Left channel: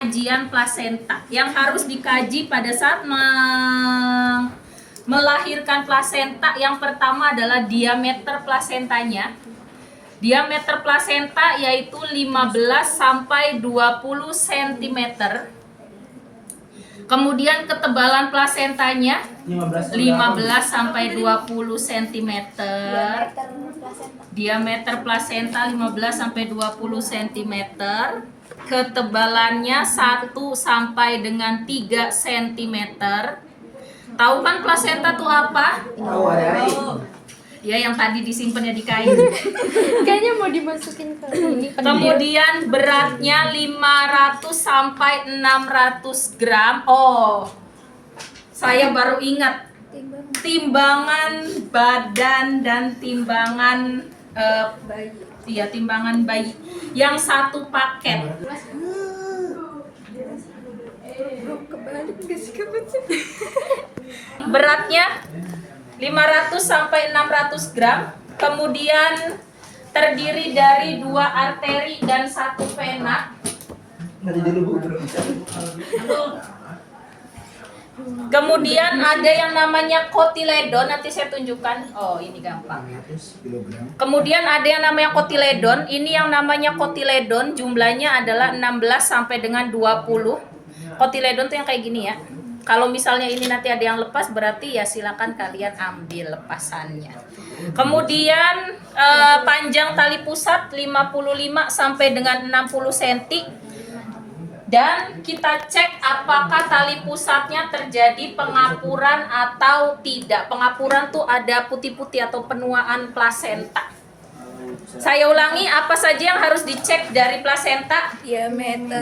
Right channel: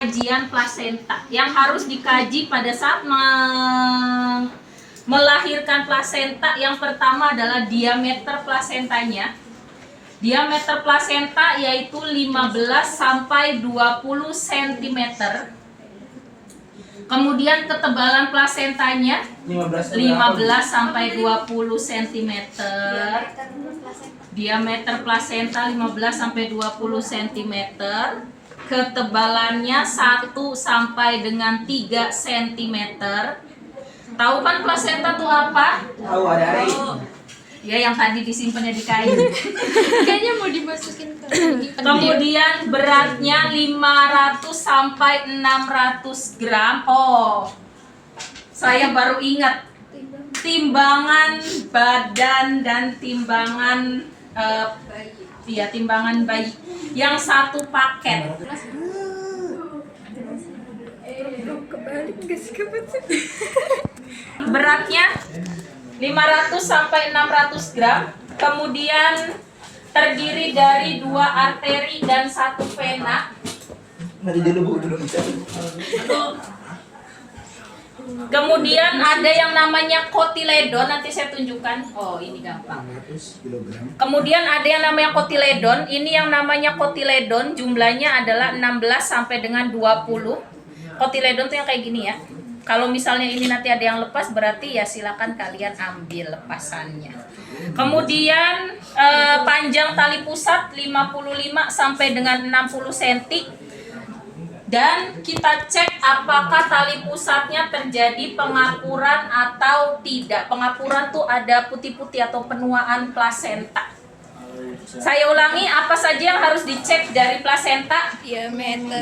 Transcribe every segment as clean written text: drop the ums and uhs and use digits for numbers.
Kajian plasenta yang harus dikaji pada saat melahirkan plasenta. Yang pertama adalah diameter plasentanya. Diameter plasenta yaitu 15 sampai 20 cm. Kemudian ketebalan plasentanya 15 sampai 20 cm. Diameter plasenta 15 sampai 20 cm. Ketebalannya 1 sampai dengan 3 cm. Tahu kan plasenta itu apa? Tahu ada air. Ya, yang tadi disimpannya di kayu. Kayaknya mau dimasukin ke ini. Kemudian beratnya 500 sampai 600 gram. Oh, saya baru ingat. Timbangan badan dan timbangan timbangan bayi yang satu paket. Beratnya 500 sampai 600 gram. Kemudian terdiri dari 2 arteri dan 1 vena. Kemudian ada yang namanya kotiledon, nanti saya tunjukkan. Oh, ini gampang. Kemudian ada yang namanya kotiledon. Ini yang namanya kotiledon jumlahnya adalah 16 sampai dengan 20. Kotiledon tuh yang kayak gini ya. Kalau misalnya ini nanti ada yang lepas, berarti ya silakan kalian ambil lepasannya. Kemudian panjang tali pusat 55 sampai dengan 60 cm. Dan kita cek apakah tali pusatnya terjadi pengapuran atau tidak. Pengapuran tuh ada putih-putih atau penuaan plasenta. Saya ulangi, apa saja yang harus dicek dari plasenta? Diameter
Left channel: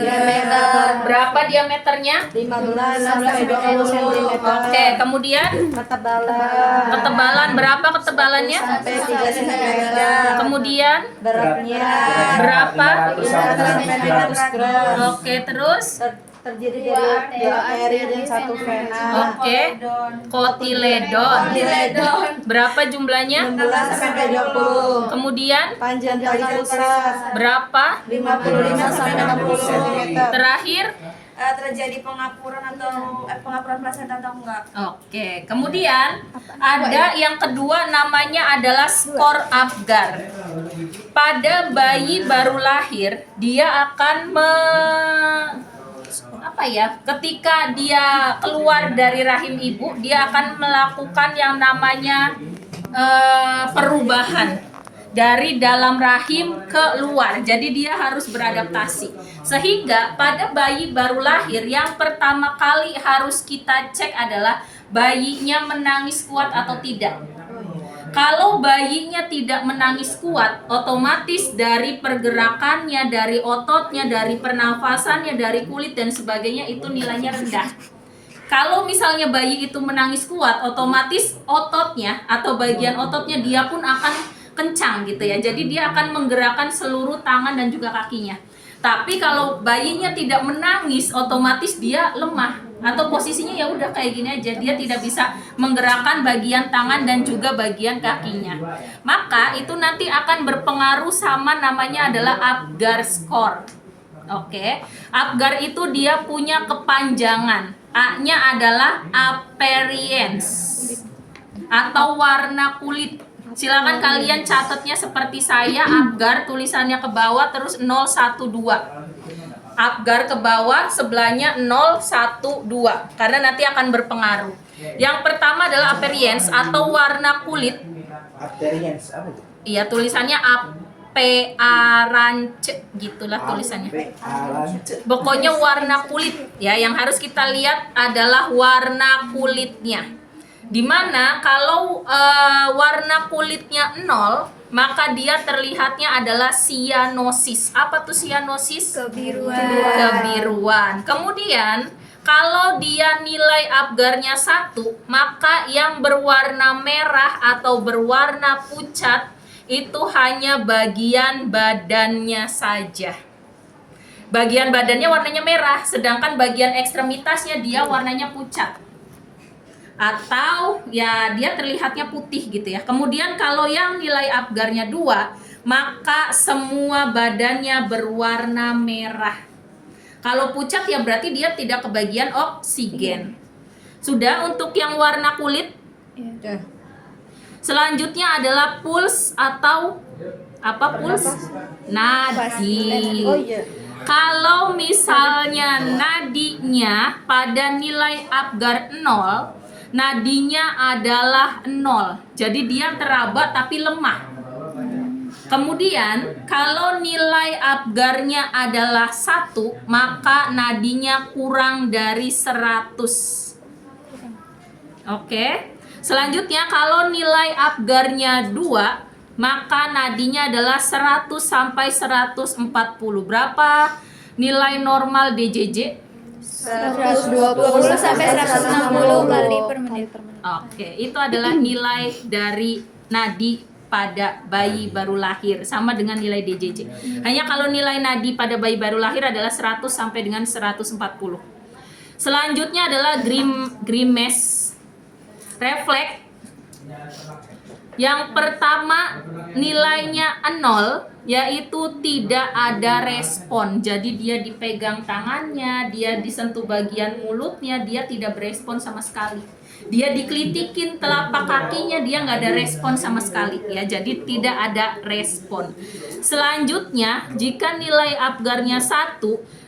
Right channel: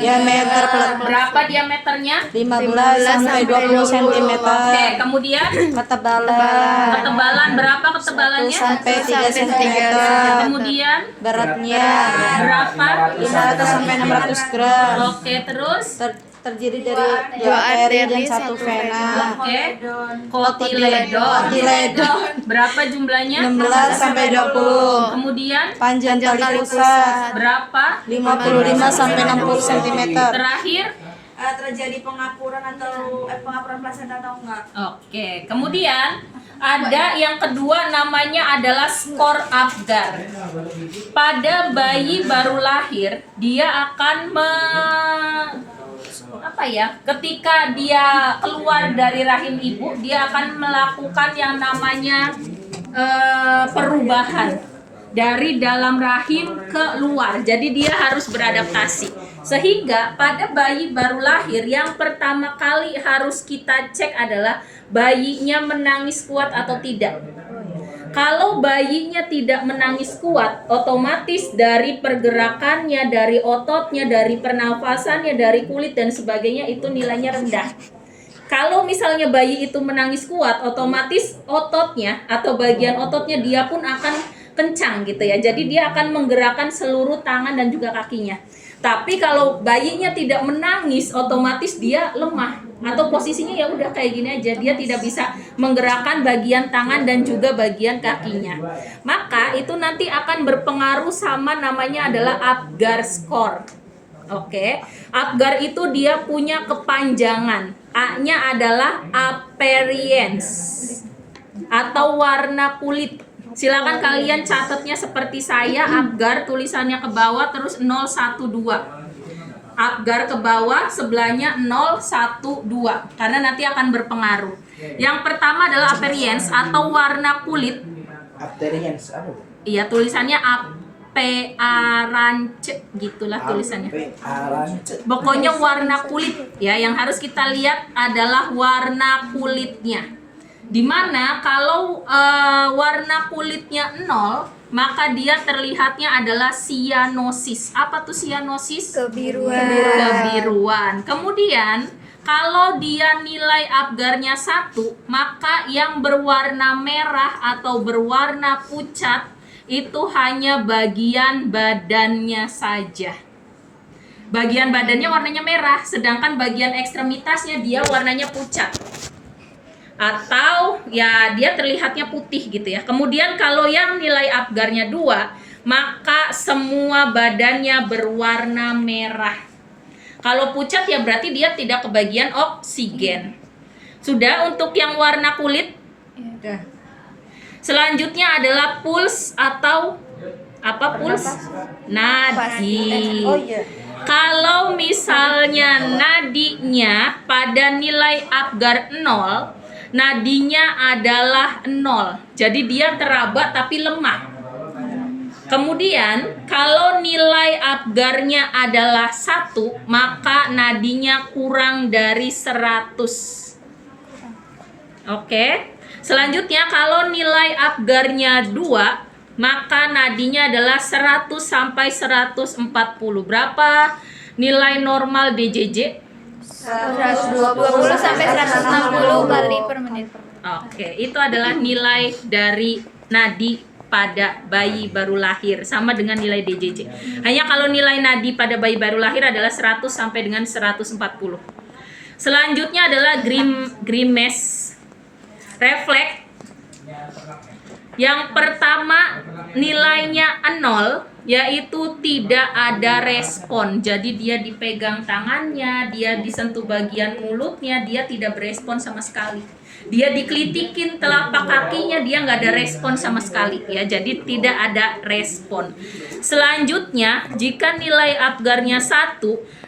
Berapa diameternya? 15 sampai 20 cm. Oke, kemudian ketebalan berapa ketebalannya? Sampai 3 cm. Kemudian Beratnya berapa? 500 sampai 600 gram. Oke, terus? Terdiri dari 2 arteri dan 1 vena. Oke, kotiledon. Berapa jumlahnya? 16 sampai 20. Kemudian Panjang tali pusat berapa? 55 sampai 60 cm. Terakhir? Terjadi pengapuran atau pengapuran plasenta atau enggak? Oke, kemudian ada yang kedua namanya adalah skor Apgar. Pada bayi baru lahir, dia akan ketika dia keluar dari rahim ibu, dia akan melakukan yang namanya perubahan dari dalam rahim ke luar. Jadi dia harus beradaptasi. Sehingga pada bayi baru lahir yang pertama kali harus kita cek adalah bayinya menangis kuat atau tidak. Kalau bayinya tidak menangis kuat, otomatis dari pergerakannya, dari ototnya, dari pernafasannya, dari kulit dan sebagainya itu nilainya rendah. Kalau misalnya bayi itu menangis kuat, otomatis ototnya atau bagian ototnya dia pun akan kencang gitu ya. Jadi dia akan menggerakkan seluruh tangan dan juga kakinya. Tapi kalau bayinya tidak menangis, otomatis dia lemah atau posisinya ya udah kayak gini aja, dia tidak bisa menggerakkan bagian tangan dan juga bagian kakinya. Maka itu nanti akan berpengaruh sama namanya adalah Apgar score. Oke, Apgar itu dia punya kepanjangan. A-nya adalah appearance atau warna kulit. Silakan kalian catatnya seperti saya, Apgar tulisannya ke bawah terus 012. Apgar ke bawah, sebelahnya 012 karena nanti akan berpengaruh. Yang pertama adalah appearance atau warna kulit. Appearance apa itu? Iya, tulisannya appearance gitulah tulisannya. Pokoknya warna kulit ya, yang harus kita lihat adalah warna kulitnya. Dimana kalau warna kulitnya 0, maka dia terlihatnya adalah cyanosis. Apa tuh cyanosis? Kebiruan. Kemudian kalau dia nilai Apgarnya 1, maka yang berwarna merah atau berwarna pucat itu hanya bagian badannya saja. Bagian badannya warnanya merah, sedangkan bagian ekstremitasnya dia warnanya pucat. Atau ya dia terlihatnya putih gitu ya. Kemudian kalau yang nilai Apgarnya 2, maka semua badannya berwarna merah. Kalau pucat ya berarti dia tidak kebagian oksigen. Sudah untuk yang warna kulit. Selanjutnya adalah puls atau apa puls? Nadi. Oh iya. Kalau misalnya nadinya pada nilai Apgar 0, nadinya adalah 0. Jadi dia teraba tapi lemah. Kemudian kalau nilai Apgarnya adalah 1, maka nadinya kurang dari 100. Oke. Selanjutnya kalau nilai Apgarnya 2, maka nadinya adalah 100 sampai 140. Berapa nilai normal DJJ? 120 sampai 160 kali per menit. Oke, itu adalah nilai dari nadi pada bayi baru lahir, sama dengan nilai DJJ. Hanya kalau nilai nadi pada bayi baru lahir adalah 100 sampai dengan 140. Selanjutnya adalah grimace refleks. Yang pertama nilainya 0, yaitu tidak ada respon. Jadi dia dipegang tangannya, dia disentuh bagian mulutnya, dia tidak berespon sama sekali. Dia dikelitikin telapak kakinya, dia nggak ada respon sama sekali ya. Jadi tidak ada respon. Selanjutnya, jika nilai Apgarnya 1,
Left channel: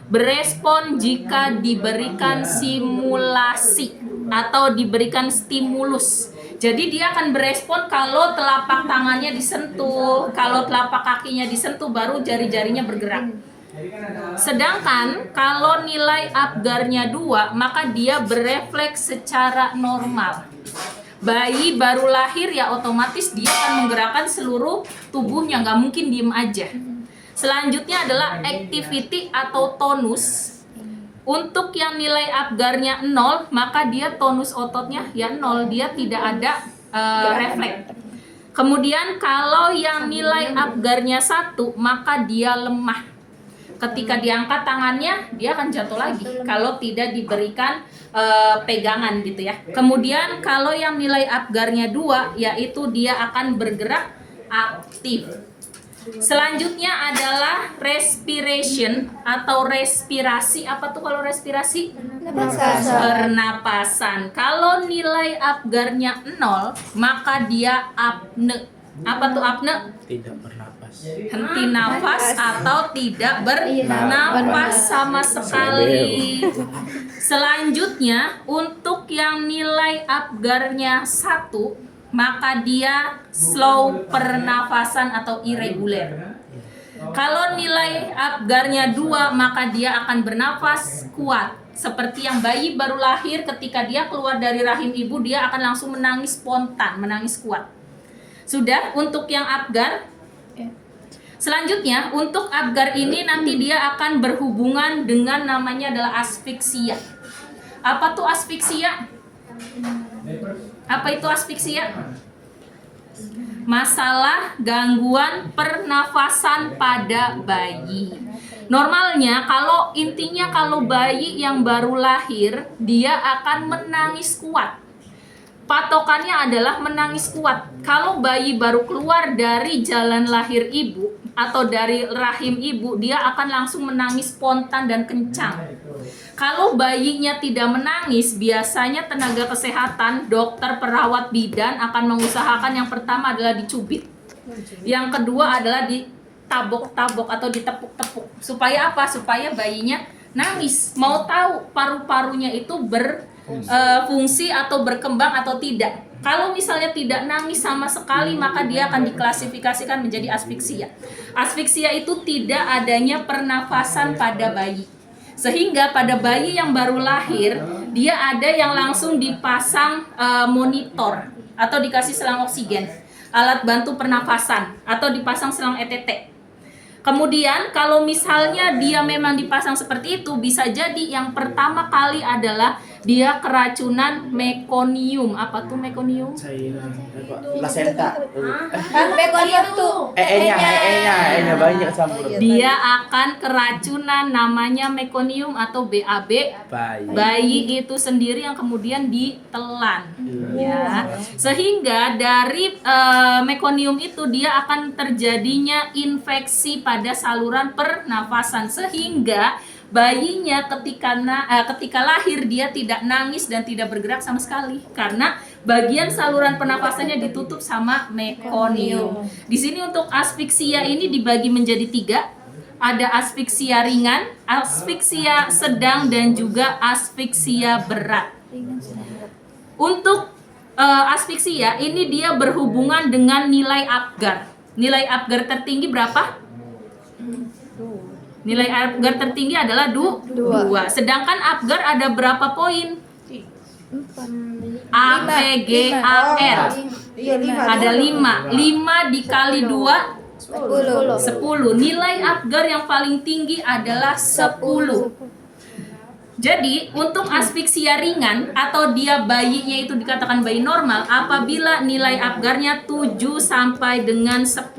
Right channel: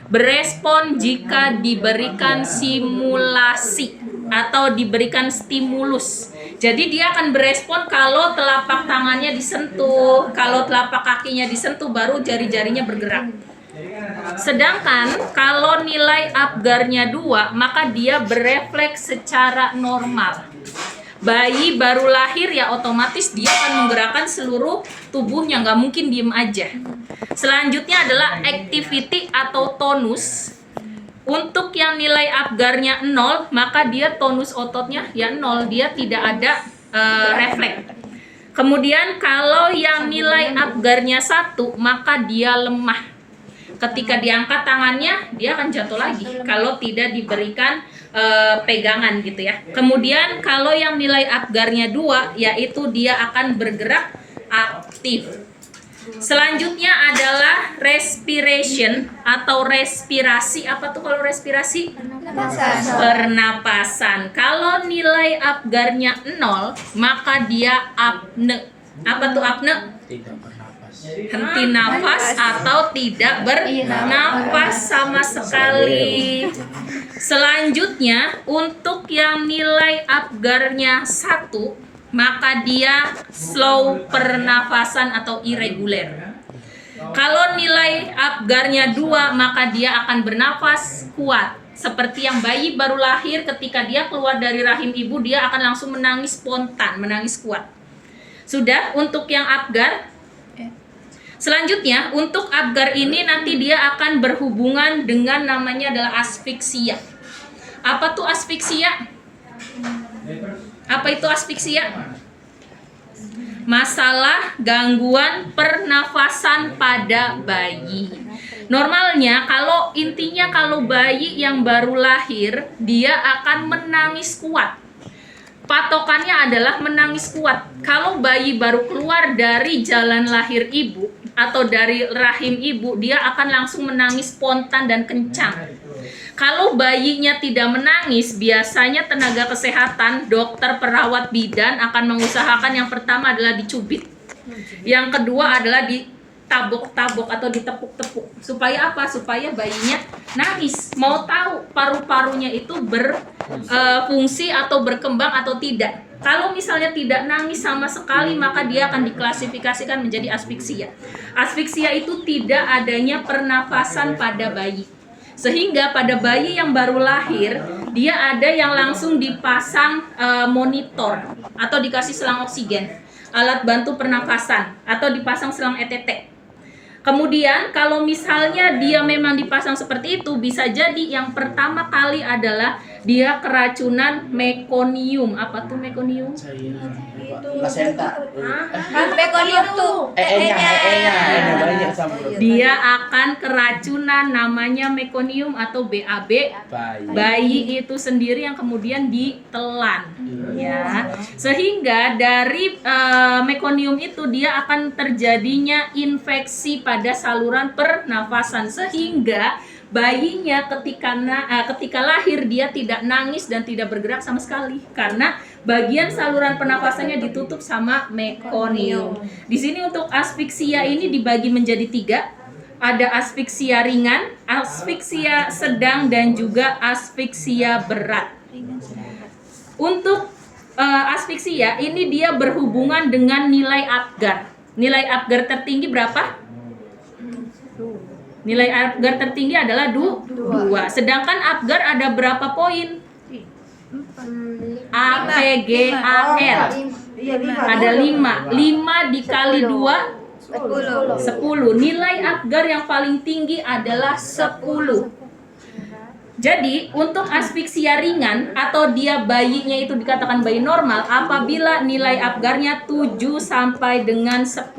berespon jika diberikan simulasi atau diberikan stimulus. Jadi dia akan berespon kalau telapak tangannya disentuh, kalau telapak kakinya disentuh baru jari-jarinya bergerak. Sedangkan kalau nilai Apgarnya 2, maka dia berefleks secara normal. Bayi baru lahir ya otomatis dia akan menggerakkan seluruh tubuhnya, nggak mungkin diem aja. Selanjutnya adalah activity atau tonus. Untuk yang nilai Apgarnya 0, maka dia tonus ototnya ya 0, dia tidak ada refleks. Kemudian kalau yang nilai Apgarnya 1, maka dia lemah. Ketika diangkat tangannya, dia akan jatuh lagi kalau tidak diberikan pegangan gitu ya. Kemudian kalau yang nilai Apgarnya 2, yaitu dia akan bergerak aktif. Selanjutnya adalah respiration atau respirasi. Apa tuh kalau respirasi? Pernapasan. Kalau nilai Apgarnya 0, maka dia apne. Apa tuh apne? Tidak bernapas. Henti nafas atau tidak bernapas sama sekali. Selanjutnya untuk yang nilai Apgarnya 1, maka dia slow pernafasan atau irregular. Kalau nilai Apgarnya 2, maka dia akan bernafas kuat. Seperti yang bayi baru lahir, ketika dia keluar dari rahim ibu, dia akan langsung menangis spontan, menangis kuat. Sudah untuk yang Apgar. Selanjutnya untuk Apgar ini nanti dia akan berhubungan dengan namanya adalah asfiksia. Apa tuh asfiksia? Apa itu asfiksia? Masalah gangguan pernafasan pada bayi. Normalnya kalau bayi yang baru lahir, dia akan menangis kuat. Patokannya adalah menangis kuat. Kalau bayi baru keluar dari jalan lahir ibu atau dari rahim ibu, dia akan langsung menangis spontan dan kencang. Kalau bayinya tidak menangis, biasanya tenaga kesehatan, dokter, perawat bidan akan mengusahakan yang pertama adalah dicubit. Yang kedua adalah ditabok-tabok atau ditepuk-tepuk. Supaya apa? Supaya bayinya nangis. Mau tahu paru-parunya itu berfungsi atau berkembang atau tidak. Kalau misalnya tidak nangis sama sekali, maka dia akan diklasifikasikan menjadi asfiksia. Asfiksia itu tidak adanya pernafasan pada bayi. Sehingga pada bayi yang baru lahir, dia ada yang langsung dipasang monitor atau dikasih selang oksigen, alat bantu pernafasan, atau dipasang selang ETT. Kemudian kalau misalnya dia memang dipasang seperti itu, bisa jadi yang pertama kali adalah dia keracunan mekonium. Apa tuh mekonium? Placenta. Mekonium tuh. E-nya banyak campur. Dia akan keracunan namanya mekonium atau BAB. Bayi itu sendiri yang kemudian ditelan. Ya. Sehingga dari mekonium itu dia akan terjadinya infeksi pada saluran pernafasan, sehingga bayinya ketika lahir dia tidak nangis dan tidak bergerak sama sekali karena bagian saluran pernafasannya ditutup sama mekonium. Di sini untuk asfiksia ini dibagi menjadi 3. Ada asfiksia ringan, asfiksia sedang, dan juga asfiksia berat. Untuk asfiksia ini dia berhubungan dengan nilai Apgar. Nilai Apgar tertinggi berapa? Nilai Apgar tertinggi adalah 2. Sedangkan Apgar ada berapa poin? A, P, G, A, R. Ada 5. 5 dikali 2 10. Nilai Apgar yang paling tinggi adalah 10. Jadi untuk asfiksia ringan atau dia bayinya itu dikatakan bayi normal apabila nilai Apgarnya 7 sampai dengan 10.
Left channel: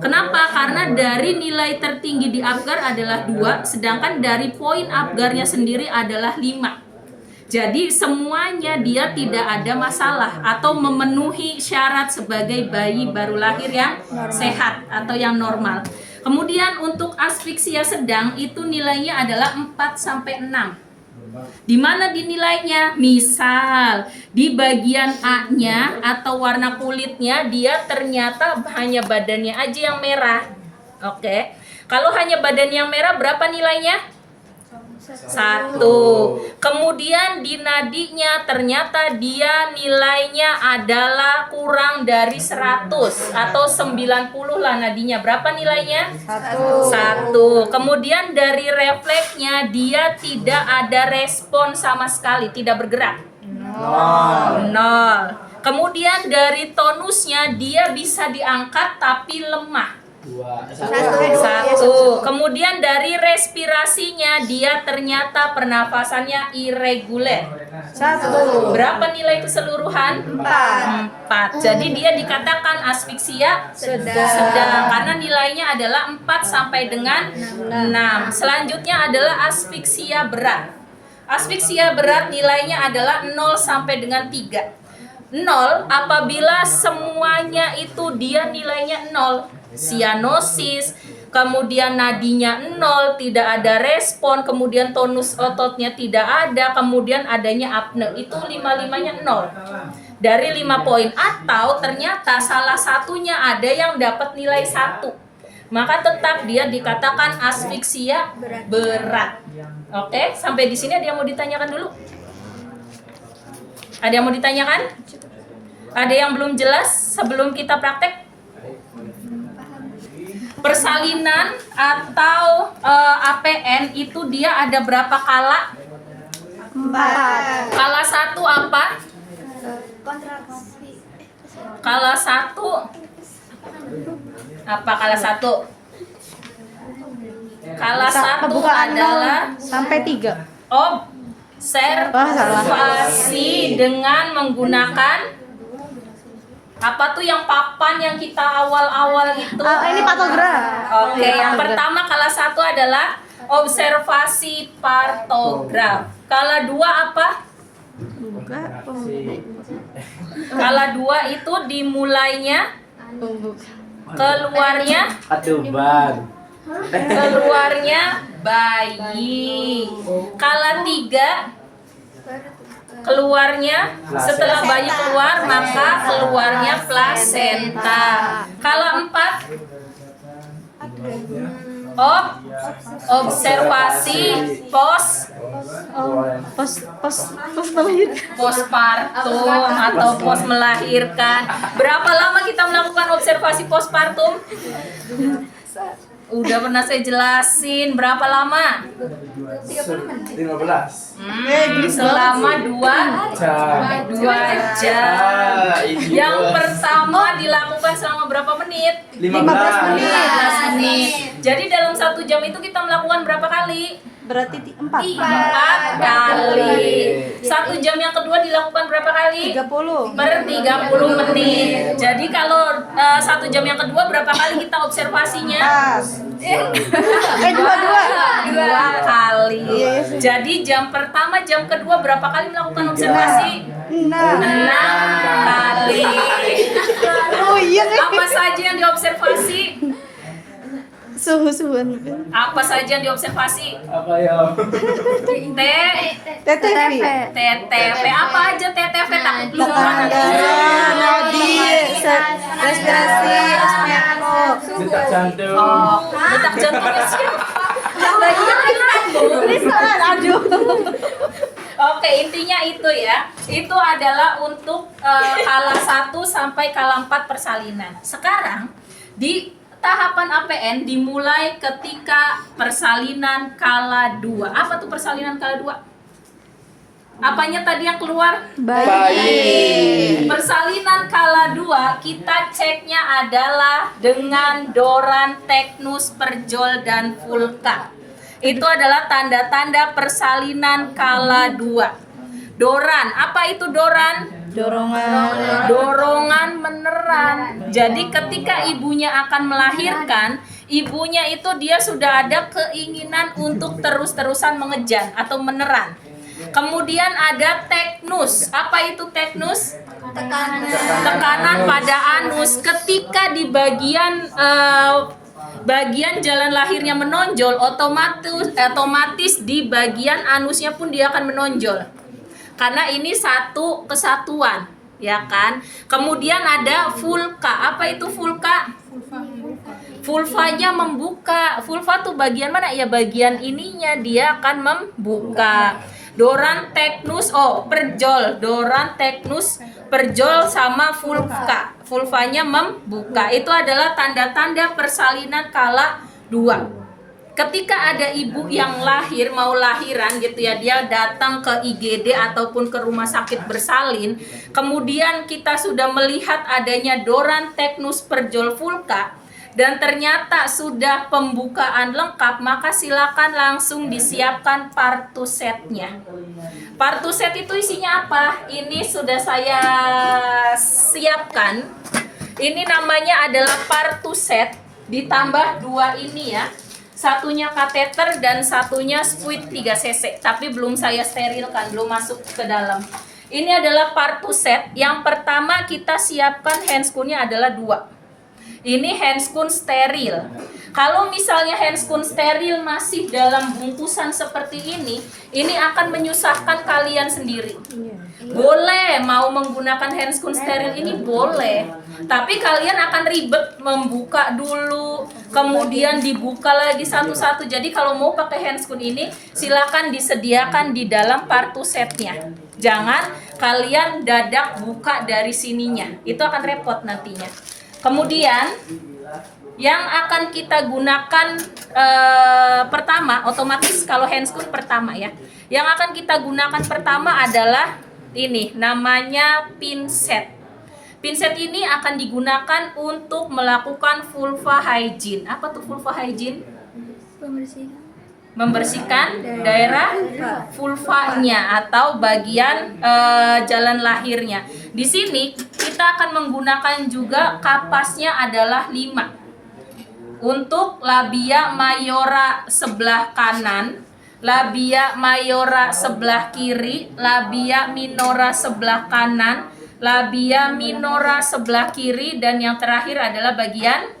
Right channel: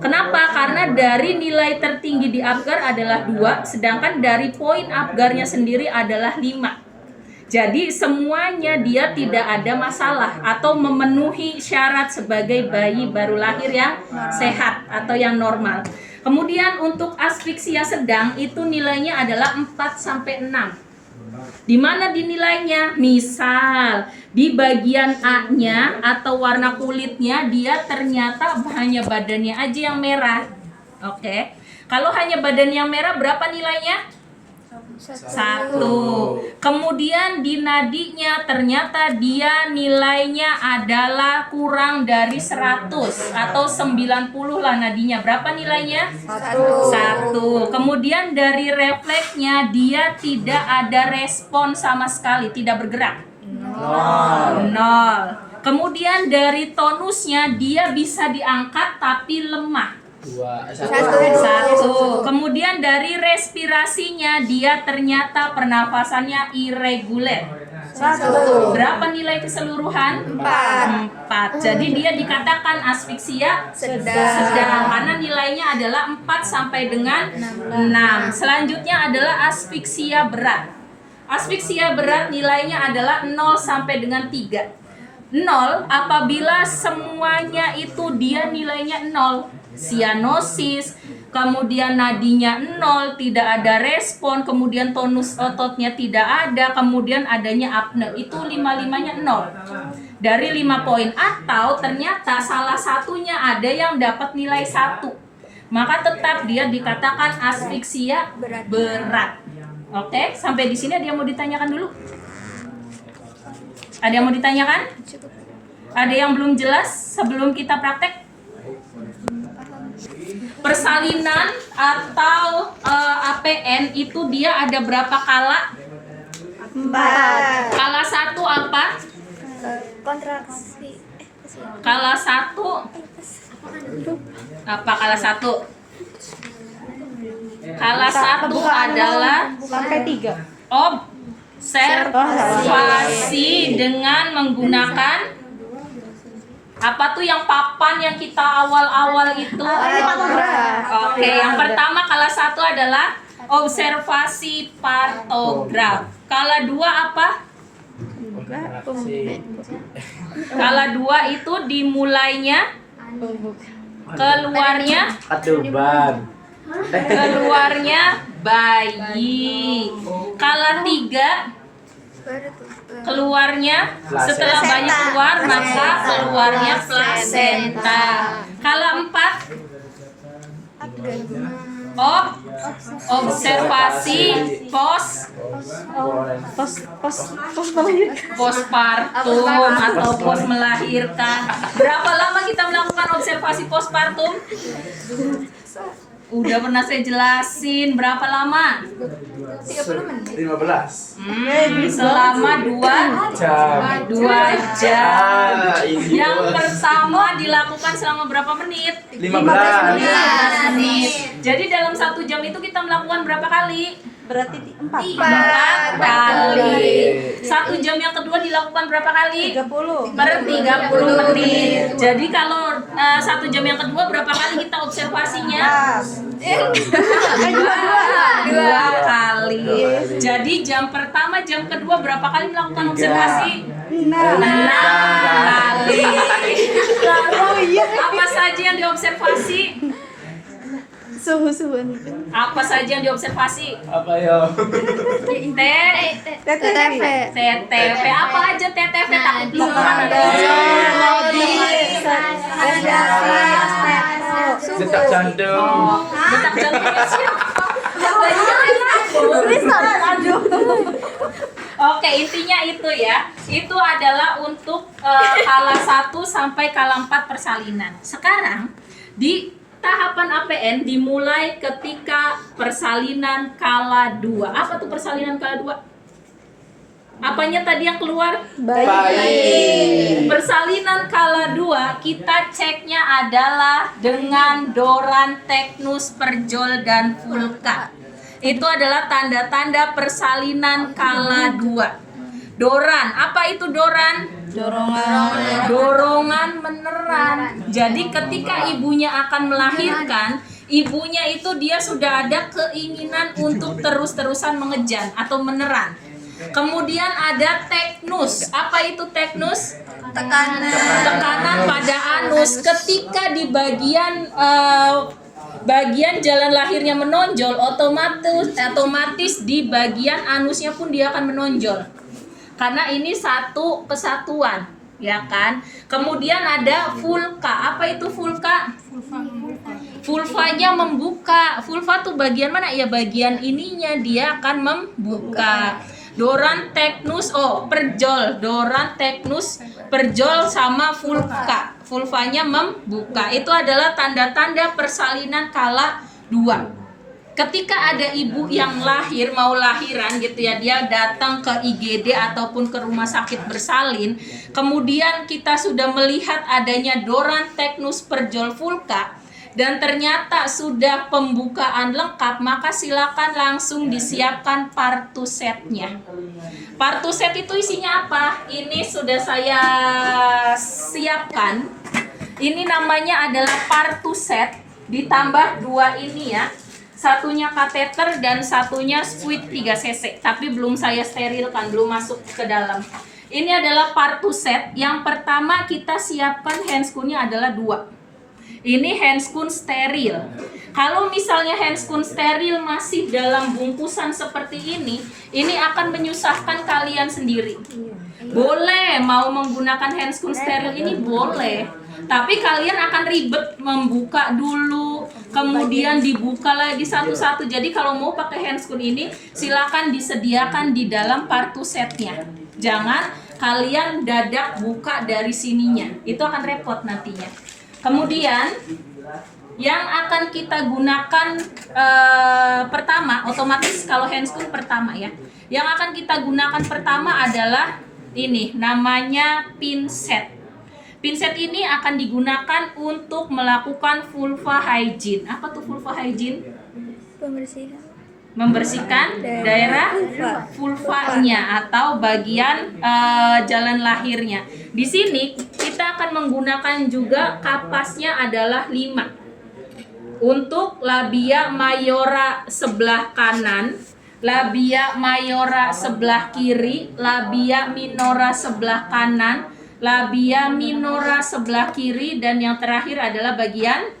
Kenapa? Karena dari nilai tertinggi di Apgar adalah 2, sedangkan dari poin Apgarnya sendiri adalah 5. Jadi semuanya dia tidak ada masalah atau memenuhi syarat sebagai bayi baru lahir yang sehat atau yang normal. Kemudian untuk asfiksia sedang itu nilainya adalah 4 sampai 6. Di mana dinilainya? Misal di bagian A-nya atau warna kulitnya dia ternyata hanya badannya aja yang merah. Oke. Kalau hanya badan yang merah berapa nilainya? 1. Kemudian di nadinya ternyata dia nilainya adalah kurang dari 100 atau 90 lah nadinya. Berapa nilainya? 1. Kemudian dari refleksnya dia tidak ada respon sama sekali, tidak bergerak. 0. Kemudian dari tonusnya dia bisa diangkat tapi lemah. 1. Kemudian dari respirasinya dia ternyata pernafasannya irregular. 1. Berapa nilai keseluruhan? 4. Jadi dia dikatakan asfiksia sedang karena nilainya adalah 4 sampai dengan 6. Selanjutnya adalah asfiksia berat. Asfiksia berat nilainya adalah 0 sampai dengan 3. 0 apabila semuanya itu dia nilainya 0. Sianosis, kemudian nadinya 0, tidak ada respon, kemudian tonus ototnya tidak ada, kemudian adanya apne. Itu 5-5-nya 0 dari 5 poin. Atau ternyata salah satunya ada yang dapat nilai 1, maka tetap dia dikatakan asfiksia berat. Oke, sampai di sini ada yang mau ditanyakan dulu? Ada yang mau ditanyakan? Ada yang belum jelas sebelum kita praktek? Persalinan atau APN itu dia ada berapa kala? 4. Kala 1 apa? Kontraksi. Kala 1 apa kala 1? Kala 1 adalah Sampai 3. observasi dengan menggunakan apa tuh yang papan yang kita awal-awal itu? Ini patograf. Oke, yang pertama kala 1 adalah observasi partograf. Kala 2 apa? Kala 2 itu dimulainya keluarnya bayi. Kala 3 keluarnya setelah bayi keluar maka keluarnya plasenta. Kala 4 observasi postpartum atau pos melahirkan. Berapa lama kita melakukan observasi postpartum? Udah pernah saya jelasin. Berapa lama? 30 menit. 15. Selama 2 jam. Yang pertama dilakukan selama berapa menit? 15 menit. Jadi dalam 1 jam itu kita melakukan berapa kali? Berarti 4 kali. 1 jam yang kedua dilakukan berapa kali? 30. Per 30 menit. Jadi kalau 1 jam yang kedua berapa kali kita observasinya? 2 kali. Jadi jam pertama, jam kedua berapa kali melakukan observasi? 6 kali. Oh iya. Apa saja yang diobservasi? Suhu-suhuan. Apa saja yang diobservasi? Apa ya? TTV. TTV apa aja TTV? Takut belum Detak jantung. detak jantungnya siapa? Oke, intinya itu ya. Itu adalah untuk kala 1 sampai kala 4 persalinan. Sekarang di tahapan APN dimulai ketika persalinan kala 2. Apa tuh persalinan kala 2? Apanya tadi yang keluar? Bayi. Persalinan kala 2 kita ceknya adalah dengan Doran, Teknus, Perjol, dan Vulka. Itu adalah tanda-tanda persalinan kala 2. Doran, apa itu Doran? Dorongan meneran. Jadi ketika ibunya akan melahirkan, ibunya itu dia sudah ada keinginan untuk terus-terusan mengejan atau meneran. Kemudian ada teknus. Apa itu teknus? Tekanan pada anus. Ketika di bagian jalan lahirnya menonjol, otomatis di bagian anusnya pun dia akan menonjol. Karena ini satu kesatuan, ya kan? Kemudian ada vulka. Apa itu vulka? Vulvanya membuka. Vulva tuh bagian mana? Ya bagian ininya dia akan membuka. Doran, teknus, perjol. Doran, teknus, perjol sama vulka. Vulvanya membuka. Itu adalah tanda-tanda persalinan kala 2. Ketika ada ibu yang mau lahiran gitu ya, dia datang ke IGD ataupun ke rumah sakit bersalin, kemudian kita sudah melihat adanya Doran, teknus, perjol, vulka, dan ternyata sudah pembukaan lengkap, maka silakan langsung disiapkan partusetnya. Partuset itu isinya apa? Ini sudah saya siapkan. Ini namanya adalah partuset ditambah 2 ini ya. Satunya kateter dan satunya squid 3 cc, tapi belum saya sterilkan, belum masuk ke dalam. Ini adalah partuset. Yang pertama kita siapkan handscoon-nya adalah 2. Ini handscoon steril. Kalau misalnya handscoon steril masih dalam bungkusan seperti ini akan menyusahkan kalian sendiri. Boleh mau menggunakan handscoon steril ini boleh, tapi kalian akan ribet membuka dulu, kemudian dibuka lagi satu-satu. Jadi kalau mau pakai handscoon ini silakan disediakan di dalam partusetnya. Jangan kalian dadak buka dari sininya, itu akan repot nantinya. Kemudian yang akan kita gunakan pertama, otomatis kalau handscoon pertama ya. Yang akan kita gunakan pertama adalah ini, namanya pinset. Pinset ini akan digunakan untuk melakukan vulva hygiene. Apa tuh vulva hygiene? Membersihkan daerah vulvanya atau bagian jalan lahirnya. Di sini kita akan menggunakan juga kapasnya adalah 5. Untuk labia mayora sebelah kanan, labia mayora sebelah kiri, labia minora sebelah kanan, labia minora sebelah kiri, dan yang terakhir adalah bagian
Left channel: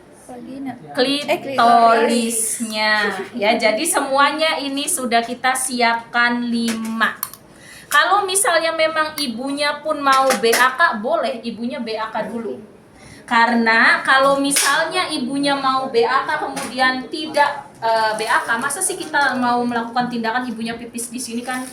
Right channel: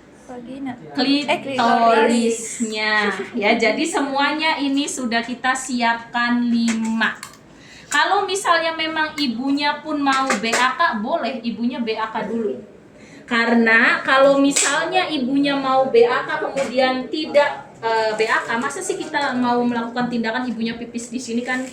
klitorisnya. Ya, jadi semuanya ini sudah kita siapkan 5. Kalau misalnya memang ibunya pun mau BAK, boleh ibunya BAK dulu. Karena kalau misalnya ibunya mau BAK kemudian tidak BAK, masa sih kita mau melakukan tindakan ibunya pipis di sini kan?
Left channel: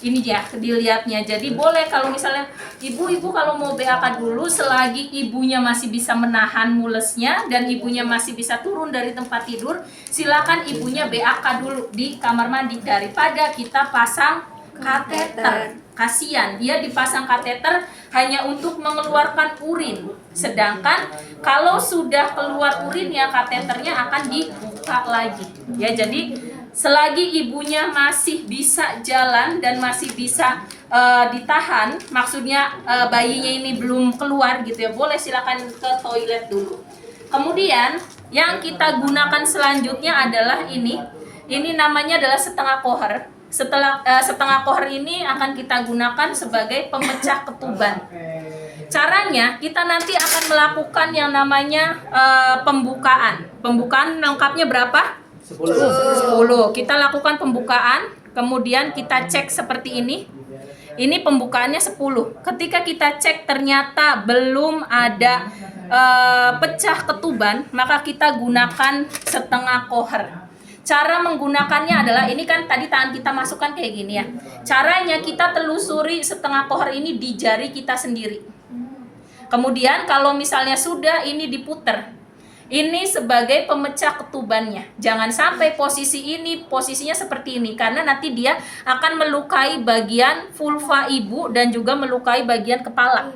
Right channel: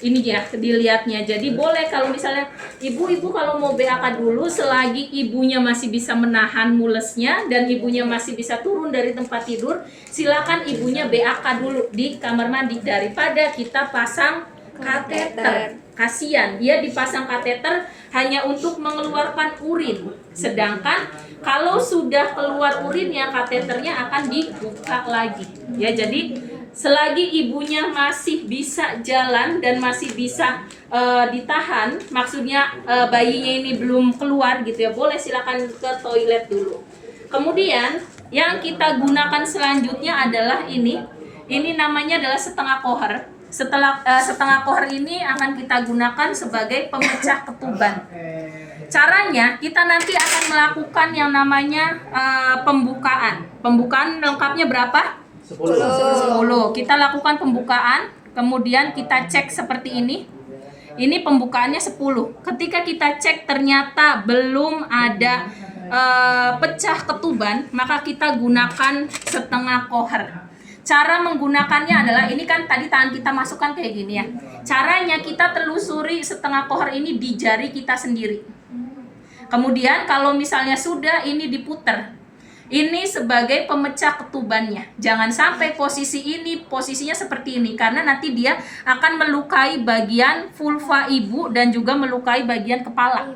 Ini ya dilihatnya. Jadi boleh kalau misalnya ibu-ibu kalau mau BAK dulu selagi ibunya masih bisa menahan mulesnya dan ibunya masih bisa turun dari tempat tidur, silakan ibunya BAK dulu di kamar mandi daripada kita pasang kateter. Kasihan, dia dipasang kateter hanya untuk mengeluarkan urin. Sedangkan kalau sudah keluar urinnya, kateternya akan dibuka lagi. Ya, jadi selagi ibunya masih bisa jalan dan masih bisa ditahan, maksudnya bayinya ini belum keluar gitu ya, boleh silakan ke toilet dulu. Kemudian yang kita gunakan selanjutnya adalah ini namanya adalah setengah koher. Setengah koher ini akan kita gunakan sebagai pemecah ketuban. Caranya kita nanti akan melakukan yang namanya pembukaan. Pembukaan lengkapnya berapa? 10. Kita lakukan pembukaan, kemudian kita cek seperti ini. Ini pembukaannya 10. Ketika kita cek ternyata belum ada pecah ketuban, maka kita gunakan setengah kohar. Cara menggunakannya adalah, ini kan tadi tangan kita masukkan kayak gini ya. Caranya kita telusuri setengah kohar ini di jari kita sendiri. Kemudian kalau misalnya sudah ini diputer, ini sebagai pemecah ketubannya. Jangan sampai posisi ini, posisinya seperti ini, karena nanti dia akan melukai bagian vulva ibu dan juga melukai bagian kepala.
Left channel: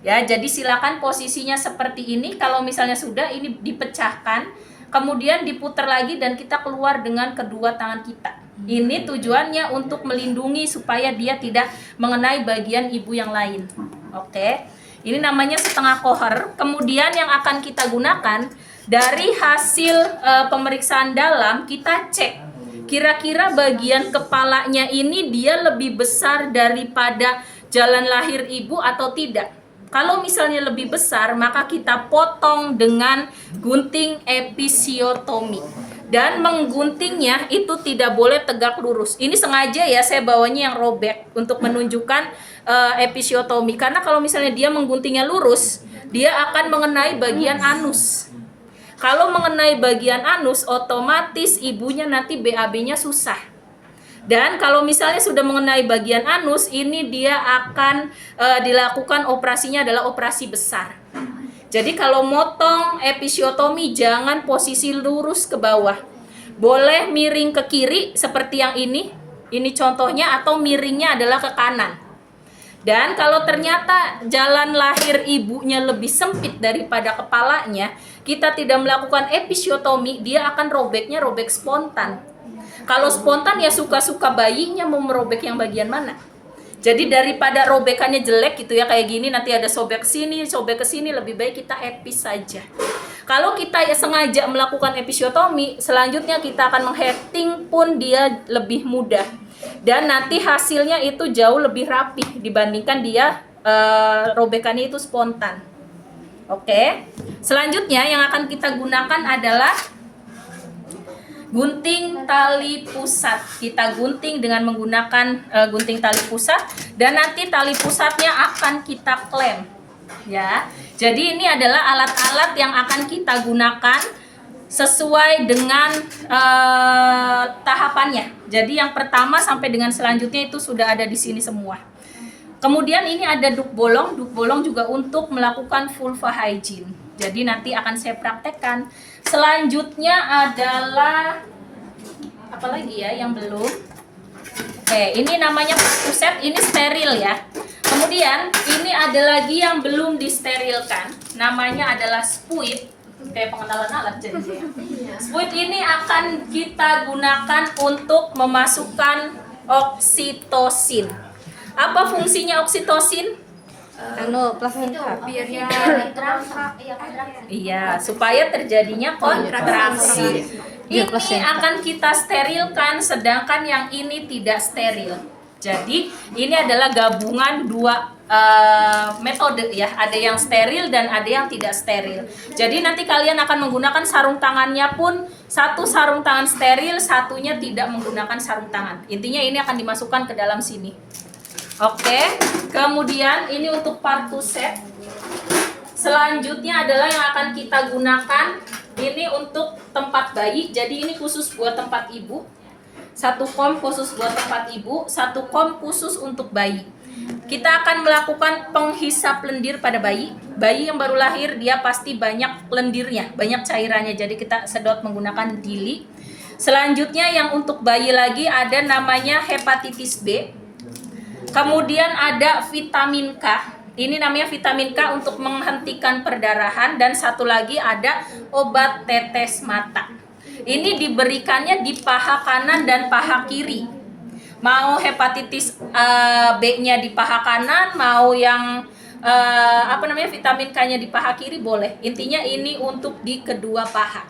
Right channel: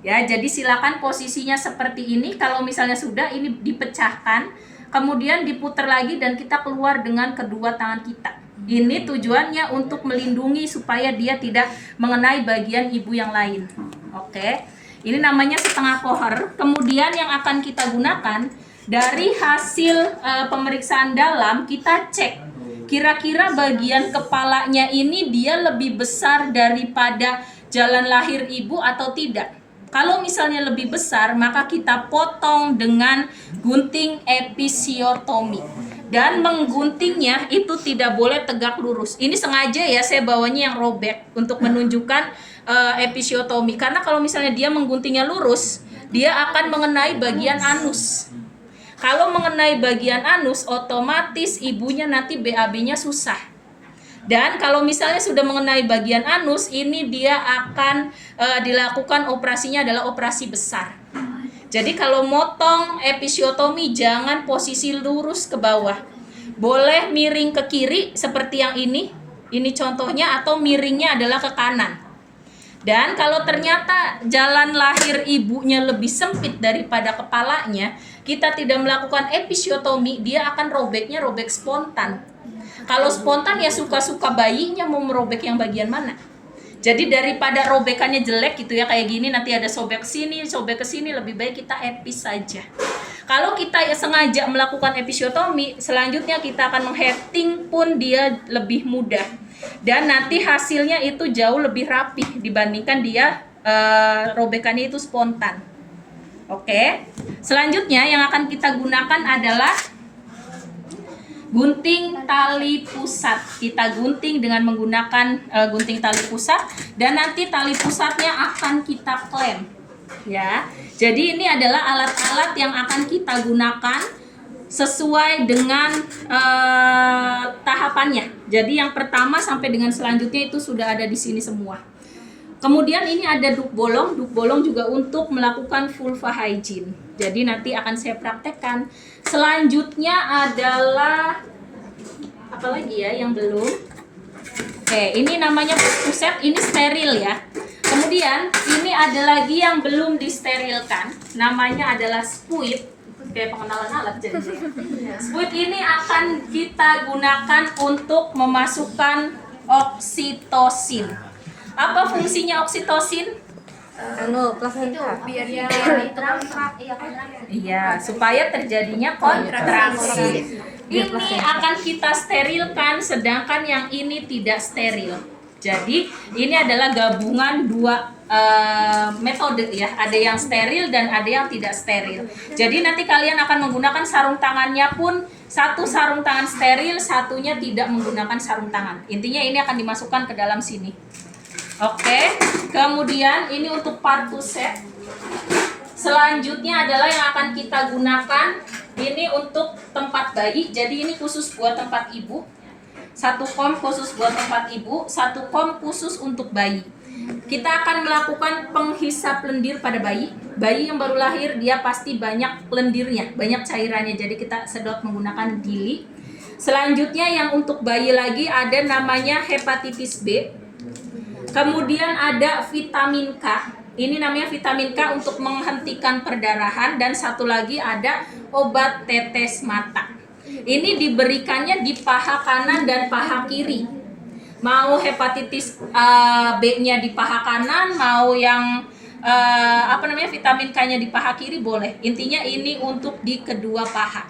Ya, jadi silakan posisinya seperti ini. Kalau misalnya sudah, ini dipecahkan, kemudian diputar lagi dan kita keluar dengan kedua tangan kita. Ini tujuannya untuk melindungi supaya dia tidak mengenai bagian ibu yang lain. Oke. Ini namanya setengah kohar. Kemudian yang akan kita gunakan dari hasil pemeriksaan dalam, kita cek kira-kira bagian kepalanya ini dia lebih besar daripada jalan lahir ibu atau tidak. Kalau misalnya lebih besar, maka kita potong dengan gunting episiotomi. Dan mengguntingnya itu tidak boleh tegak lurus. Ini sengaja ya saya bawanya yang robek untuk menunjukkan episiotomi. Karena kalau misalnya dia mengguntingnya lurus, dia akan mengenai bagian anus. Kalau mengenai bagian anus, otomatis ibunya nanti BAB-nya susah. Dan kalau misalnya sudah mengenai bagian anus, ini dia akan dilakukan operasinya adalah operasi besar. Jadi kalau motong episiotomi jangan posisi lurus ke bawah. Boleh miring ke kiri seperti yang ini contohnya, atau miringnya adalah ke kanan. Dan kalau ternyata jalan lahir ibunya lebih sempit daripada kepalanya, kita tidak melakukan episiotomi, dia akan robeknya robek spontan. Kalau spontan ya suka-suka bayinya mau merobek yang bagian mana. Jadi daripada robekannya jelek gitu ya kayak gini, nanti ada sobek sini, sobek ke sini, lebih baik kita epis saja. Kalau kita sengaja melakukan episiotomi, selanjutnya kita akan mengheading pun dia lebih mudah. Dan nanti hasilnya itu jauh lebih rapih dibandingkan dia robekannya itu spontan. Oke. Selanjutnya yang akan kita gunakan adalah gunting tali pusat. Kita gunting dengan menggunakan gunting tali pusat, dan nanti tali pusatnya akan kita klem. Ya. Jadi ini adalah alat-alat yang akan kita gunakan sesuai dengan tahapannya. Jadi yang pertama sampai dengan selanjutnya itu sudah ada di sini semua. Kemudian ini ada duk bolong. Duk bolong juga untuk melakukan vulva hygiene. Jadi nanti akan saya praktekkan. Selanjutnya adalah apa lagi ya yang belum? Oke, ini namanya puset, ini steril ya. Kemudian ini ada lagi yang belum disterilkan. Namanya adalah spuit. Kayak pengenalan alat jadinya. Spuit ini akan kita gunakan untuk memasukkan oksitosin. Apa fungsinya oksitosin? Plasenta. Biar dia kontraksi. Iya, supaya terjadinya kontraksi. Ini akan kita sterilkan, sedangkan yang ini tidak steril. Jadi ini adalah gabungan dua metode ya. Ada yang steril dan ada yang tidak steril. Jadi nanti kalian akan menggunakan sarung tangannya pun satu sarung tangan steril, satunya tidak menggunakan sarung tangan. Intinya ini akan dimasukkan ke dalam sini. Oke, kemudian ini untuk partuset. Selanjutnya adalah yang akan kita gunakan ini untuk tempat bayi. Jadi ini khusus buat tempat ibu. Satu kom khusus buat tempat ibu, satu kom khusus untuk bayi. Kita akan melakukan penghisap lendir pada bayi. Bayi yang baru lahir dia pasti banyak lendirnya, banyak cairannya. Jadi kita sedot menggunakan dili. Selanjutnya yang untuk bayi lagi ada namanya hepatitis B. Kemudian ada vitamin K. Ini namanya vitamin K untuk menghentikan perdarahan, dan satu lagi ada obat tetes mata. Ini diberikannya di paha kanan dan paha kiri. Mau hepatitis B-nya di paha kanan, mau yang vitamin K-nya di paha kiri boleh. Intinya ini untuk di kedua paha.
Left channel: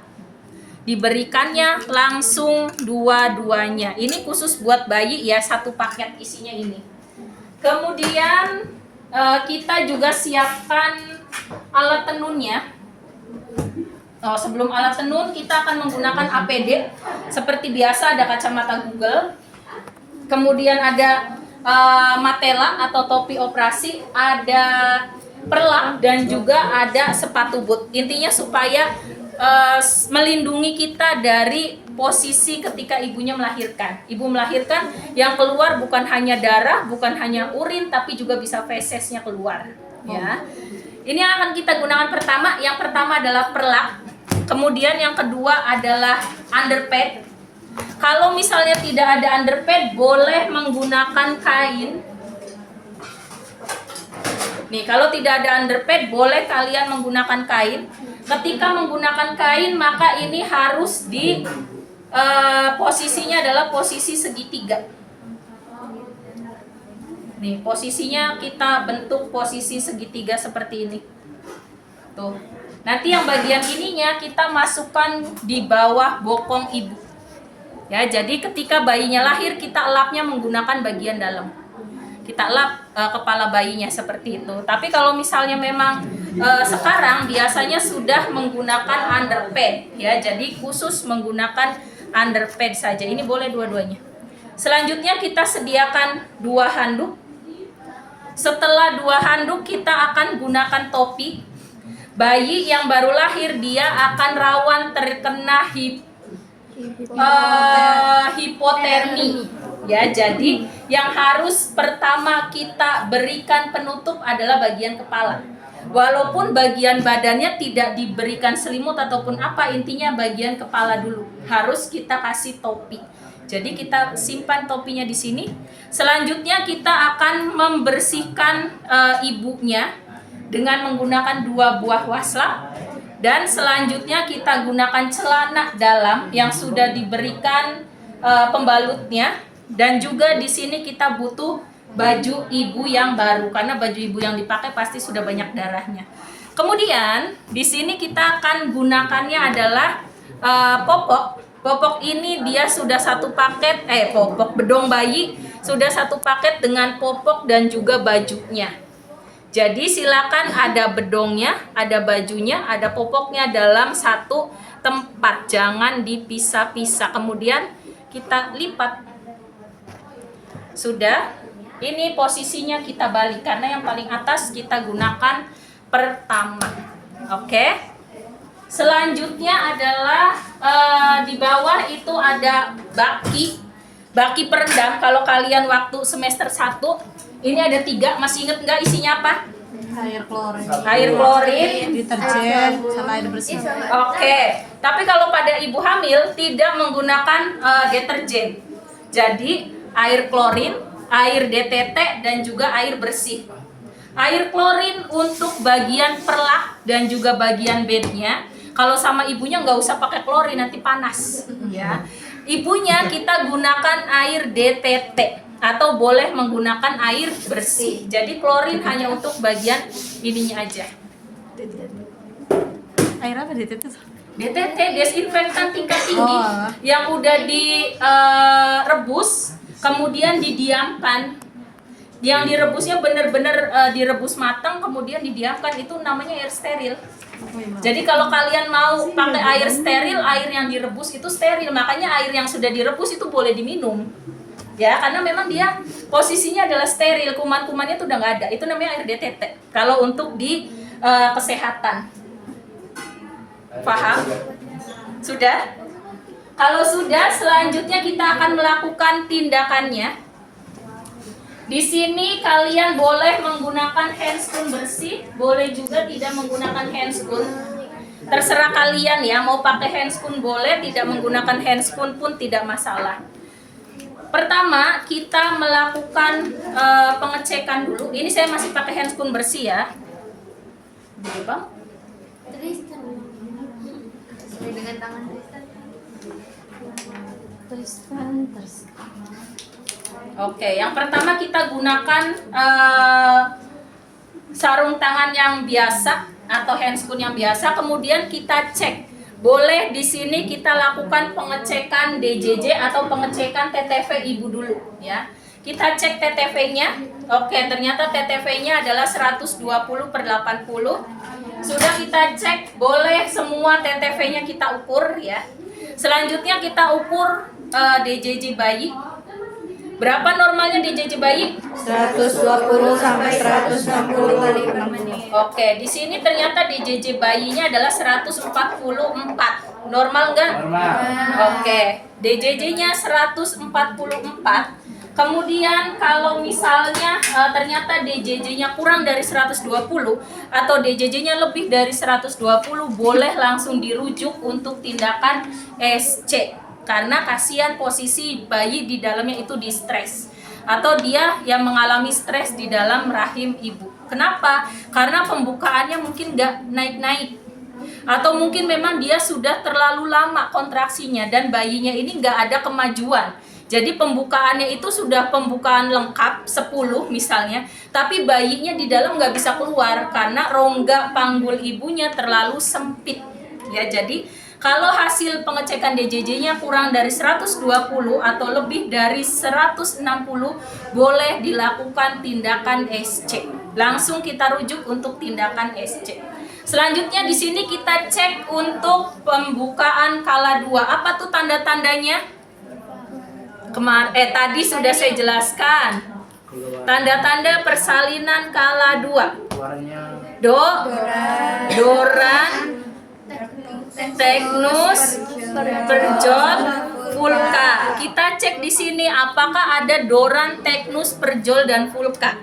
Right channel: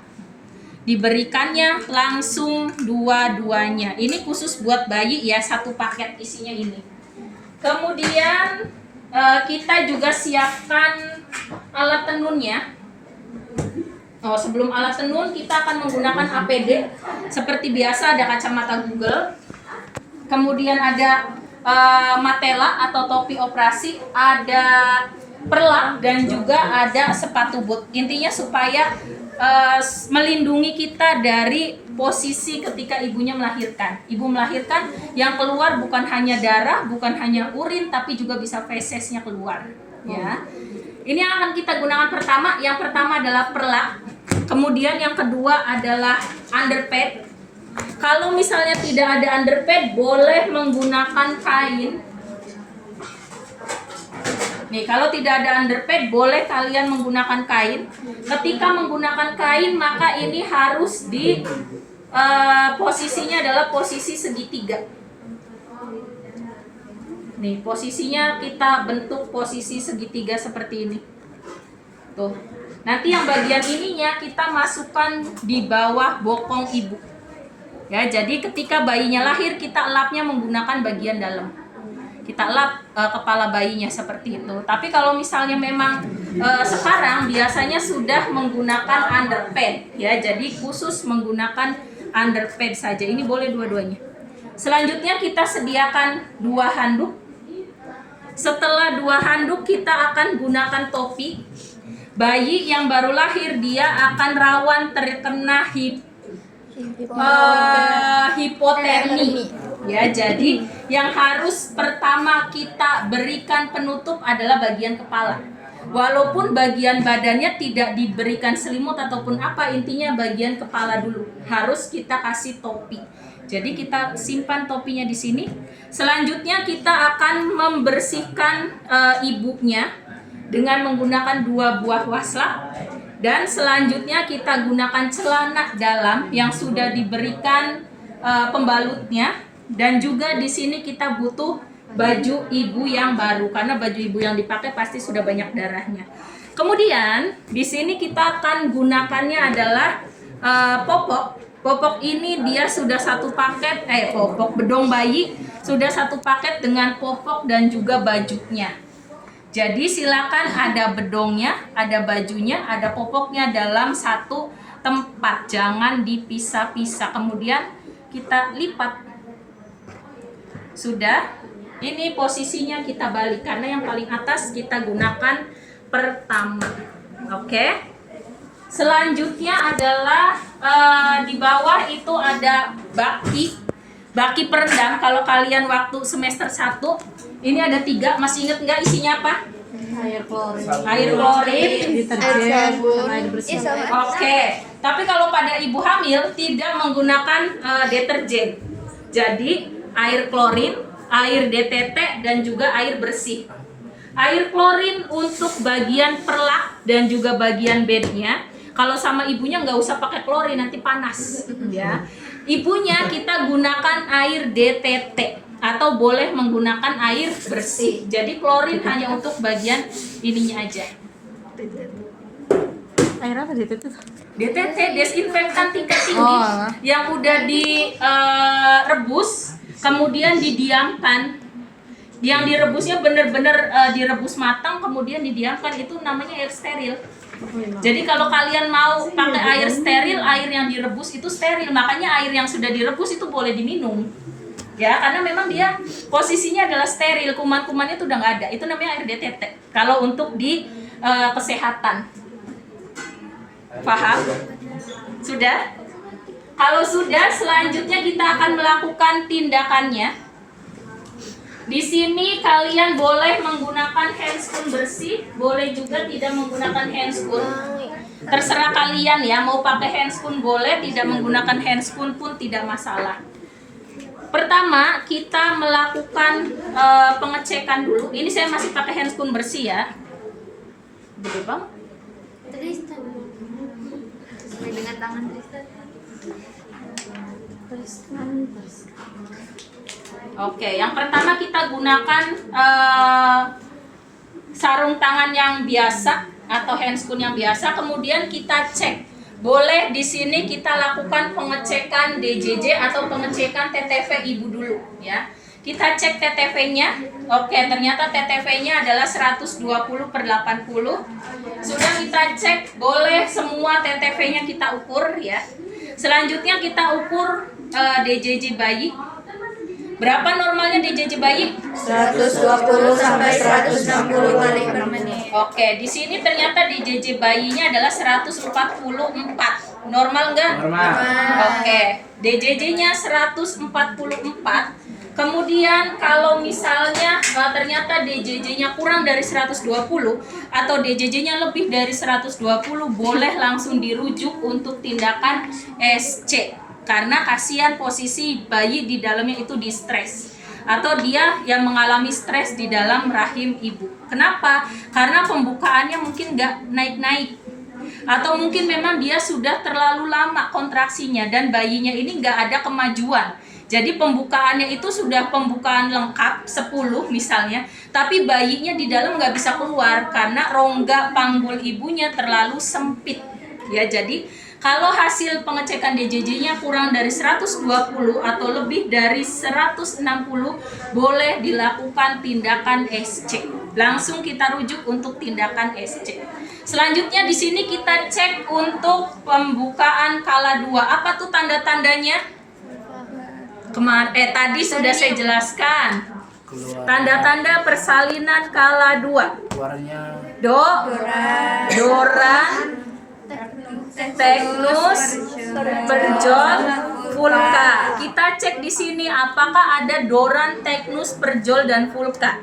Diberikannya langsung dua-duanya. Ini khusus buat bayi ya, satu paket isinya ini. Kemudian kita juga siapkan alat tenunnya. Oh, sebelum alat tenun kita akan menggunakan APD. Seperti biasa ada kacamata Google. Kemudian ada matela atau topi operasi, ada perlak dan juga ada sepatu boot. Intinya supaya melindungi kita dari posisi ketika ibunya melahirkan. Ibu melahirkan yang keluar bukan hanya darah, bukan hanya urin, tapi juga bisa fesesnya keluar. Ya. Ini yang akan kita gunakan pertama. Yang pertama adalah perlak. Kemudian yang kedua adalah underpad. Kalau misalnya tidak ada underpad, boleh menggunakan kain. Nih, kalau tidak ada underpad, boleh kalian menggunakan kain. Ketika menggunakan kain, maka ini harus di posisinya adalah posisi segitiga. Nih, posisinya kita bentuk posisi segitiga seperti ini. Tuh. Nanti yang bagian ininya kita masukkan di bawah bokong ibu. Ya, jadi ketika bayinya lahir kita elapnya menggunakan bagian dalam. Kita elap kepala bayinya seperti itu. Tapi kalau misalnya memang sekarang biasanya sudah menggunakan underpad, ya. Jadi khusus menggunakan underpad saja. Ini boleh dua-duanya. Selanjutnya kita sediakan 2 handuk. Setelah 2 handuk kita akan gunakan topi. Bayi yang baru lahir dia akan rawan terkena hipotermi. Ya, jadi yang harus pertama kita berikan penutup adalah bagian kepala. Walaupun bagian badannya tidak diberikan selimut ataupun apa, intinya bagian kepala dulu harus kita kasih topi. Jadi kita simpan topinya di sini. Selanjutnya kita akan membersihkan ibunya dengan menggunakan 2 buah waslak, dan selanjutnya kita gunakan celana dalam yang sudah diberikan pembalutnya, dan juga di sini kita butuh baju ibu yang baru karena baju ibu yang dipakai pasti sudah banyak darahnya. Kemudian di sini kita akan gunakannya adalah popok. Popok ini dia sudah satu paket, popok bedong bayi sudah satu paket dengan popok dan juga bajunya. Jadi silakan ada bedongnya, ada bajunya, ada popoknya dalam satu tempat. Jangan dipisah-pisah. Kemudian kita lipat. Sudah. Ini posisinya kita balik karena yang paling atas kita gunakan pertama. Oke. Selanjutnya adalah di bawah itu ada baki peredam. Kalau kalian waktu semester 1 ini ada 3, masih inget nggak isinya apa? Air Klorin, deterjen, sama air bersih. Oke. Tapi kalau pada ibu hamil tidak menggunakan deterjen. Jadi air klorin, air DTT dan juga air bersih. Air klorin untuk bagian perlak dan juga bagian bednya. Kalau sama ibunya nggak usah pakai klorin, nanti panas. Ya. Ibunya kita gunakan air DTT. Atau boleh menggunakan air bersih. Jadi klorin hanya untuk bagian ininya aja. Air apa DTT? DTT, desinfektan tingkat tinggi, yang udah direbus, kemudian didiamkan. Yang direbusnya benar-benar direbus matang, kemudian didiamkan, itu namanya air steril. Jadi kalau kalian mau pakai air steril, air yang direbus itu steril. Makanya air yang sudah direbus itu boleh diminum. Ya, karena memang dia posisinya adalah steril, kuman-kumannya itu udah nggak ada. Itu namanya air DTT. Kalau untuk di kesehatan, paham? Sudah? Kalau sudah, selanjutnya kita akan melakukan tindakannya. Di sini kalian boleh menggunakan handscoon bersih, boleh juga tidak menggunakan handscoon. Terserah kalian ya, mau pakai handscoon boleh, tidak menggunakan handscoon pun tidak masalah. Pertama, kita melakukan pengecekan dulu. Ini saya masih pakai handscoon bersih ya. Betul, Bang? Tristan. Sesuai dengan tangan Tristan. Oke, yang pertama kita gunakan sarung tangan yang biasa atau handscoon yang biasa. Kemudian kita cek. Boleh di sini kita lakukan pengecekan DJJ atau pengecekan TTV ibu dulu ya. Kita cek TTV-nya. Oke, ternyata TTV-nya adalah 120/80. Sudah kita cek, boleh semua TTV-nya kita ukur ya. Selanjutnya kita ukur DJJ bayi. Berapa normalnya DJJ bayi? 120 sampai 160 kali per menit. Oke, di sini ternyata DJJ bayinya adalah 144. Normal nggak? Normal. Oke, DJJ-nya 144. Kemudian kalau misalnya ternyata DJJ-nya kurang dari 120 atau DJJ-nya lebih dari 120, boleh langsung dirujuk untuk tindakan SC. Karena kasihan posisi bayi di dalamnya itu di stres atau dia yang mengalami stres di dalam rahim ibu. Kenapa? Karena pembukaannya mungkin nggak naik-naik atau mungkin memang dia sudah terlalu lama kontraksinya dan bayinya ini nggak ada kemajuan. Jadi pembukaannya itu sudah pembukaan lengkap 10 misalnya, tapi bayinya di dalam nggak bisa keluar karena rongga panggul ibunya terlalu sempit. Ya, jadi kalau hasil pengecekan DJJ-nya kurang dari 120 atau lebih dari 160, boleh dilakukan tindakan SC. Langsung kita rujuk untuk tindakan SC. Selanjutnya di sini kita cek untuk pembukaan kala 2. Apa tuh tanda-tandanya? Tadi sudah saya jelaskan. Tanda-tanda persalinan kala 2. Doran, Teknus, Perjol, Vulka. Kita cek di sini apakah ada Doran, Teknus, Perjol dan Vulka.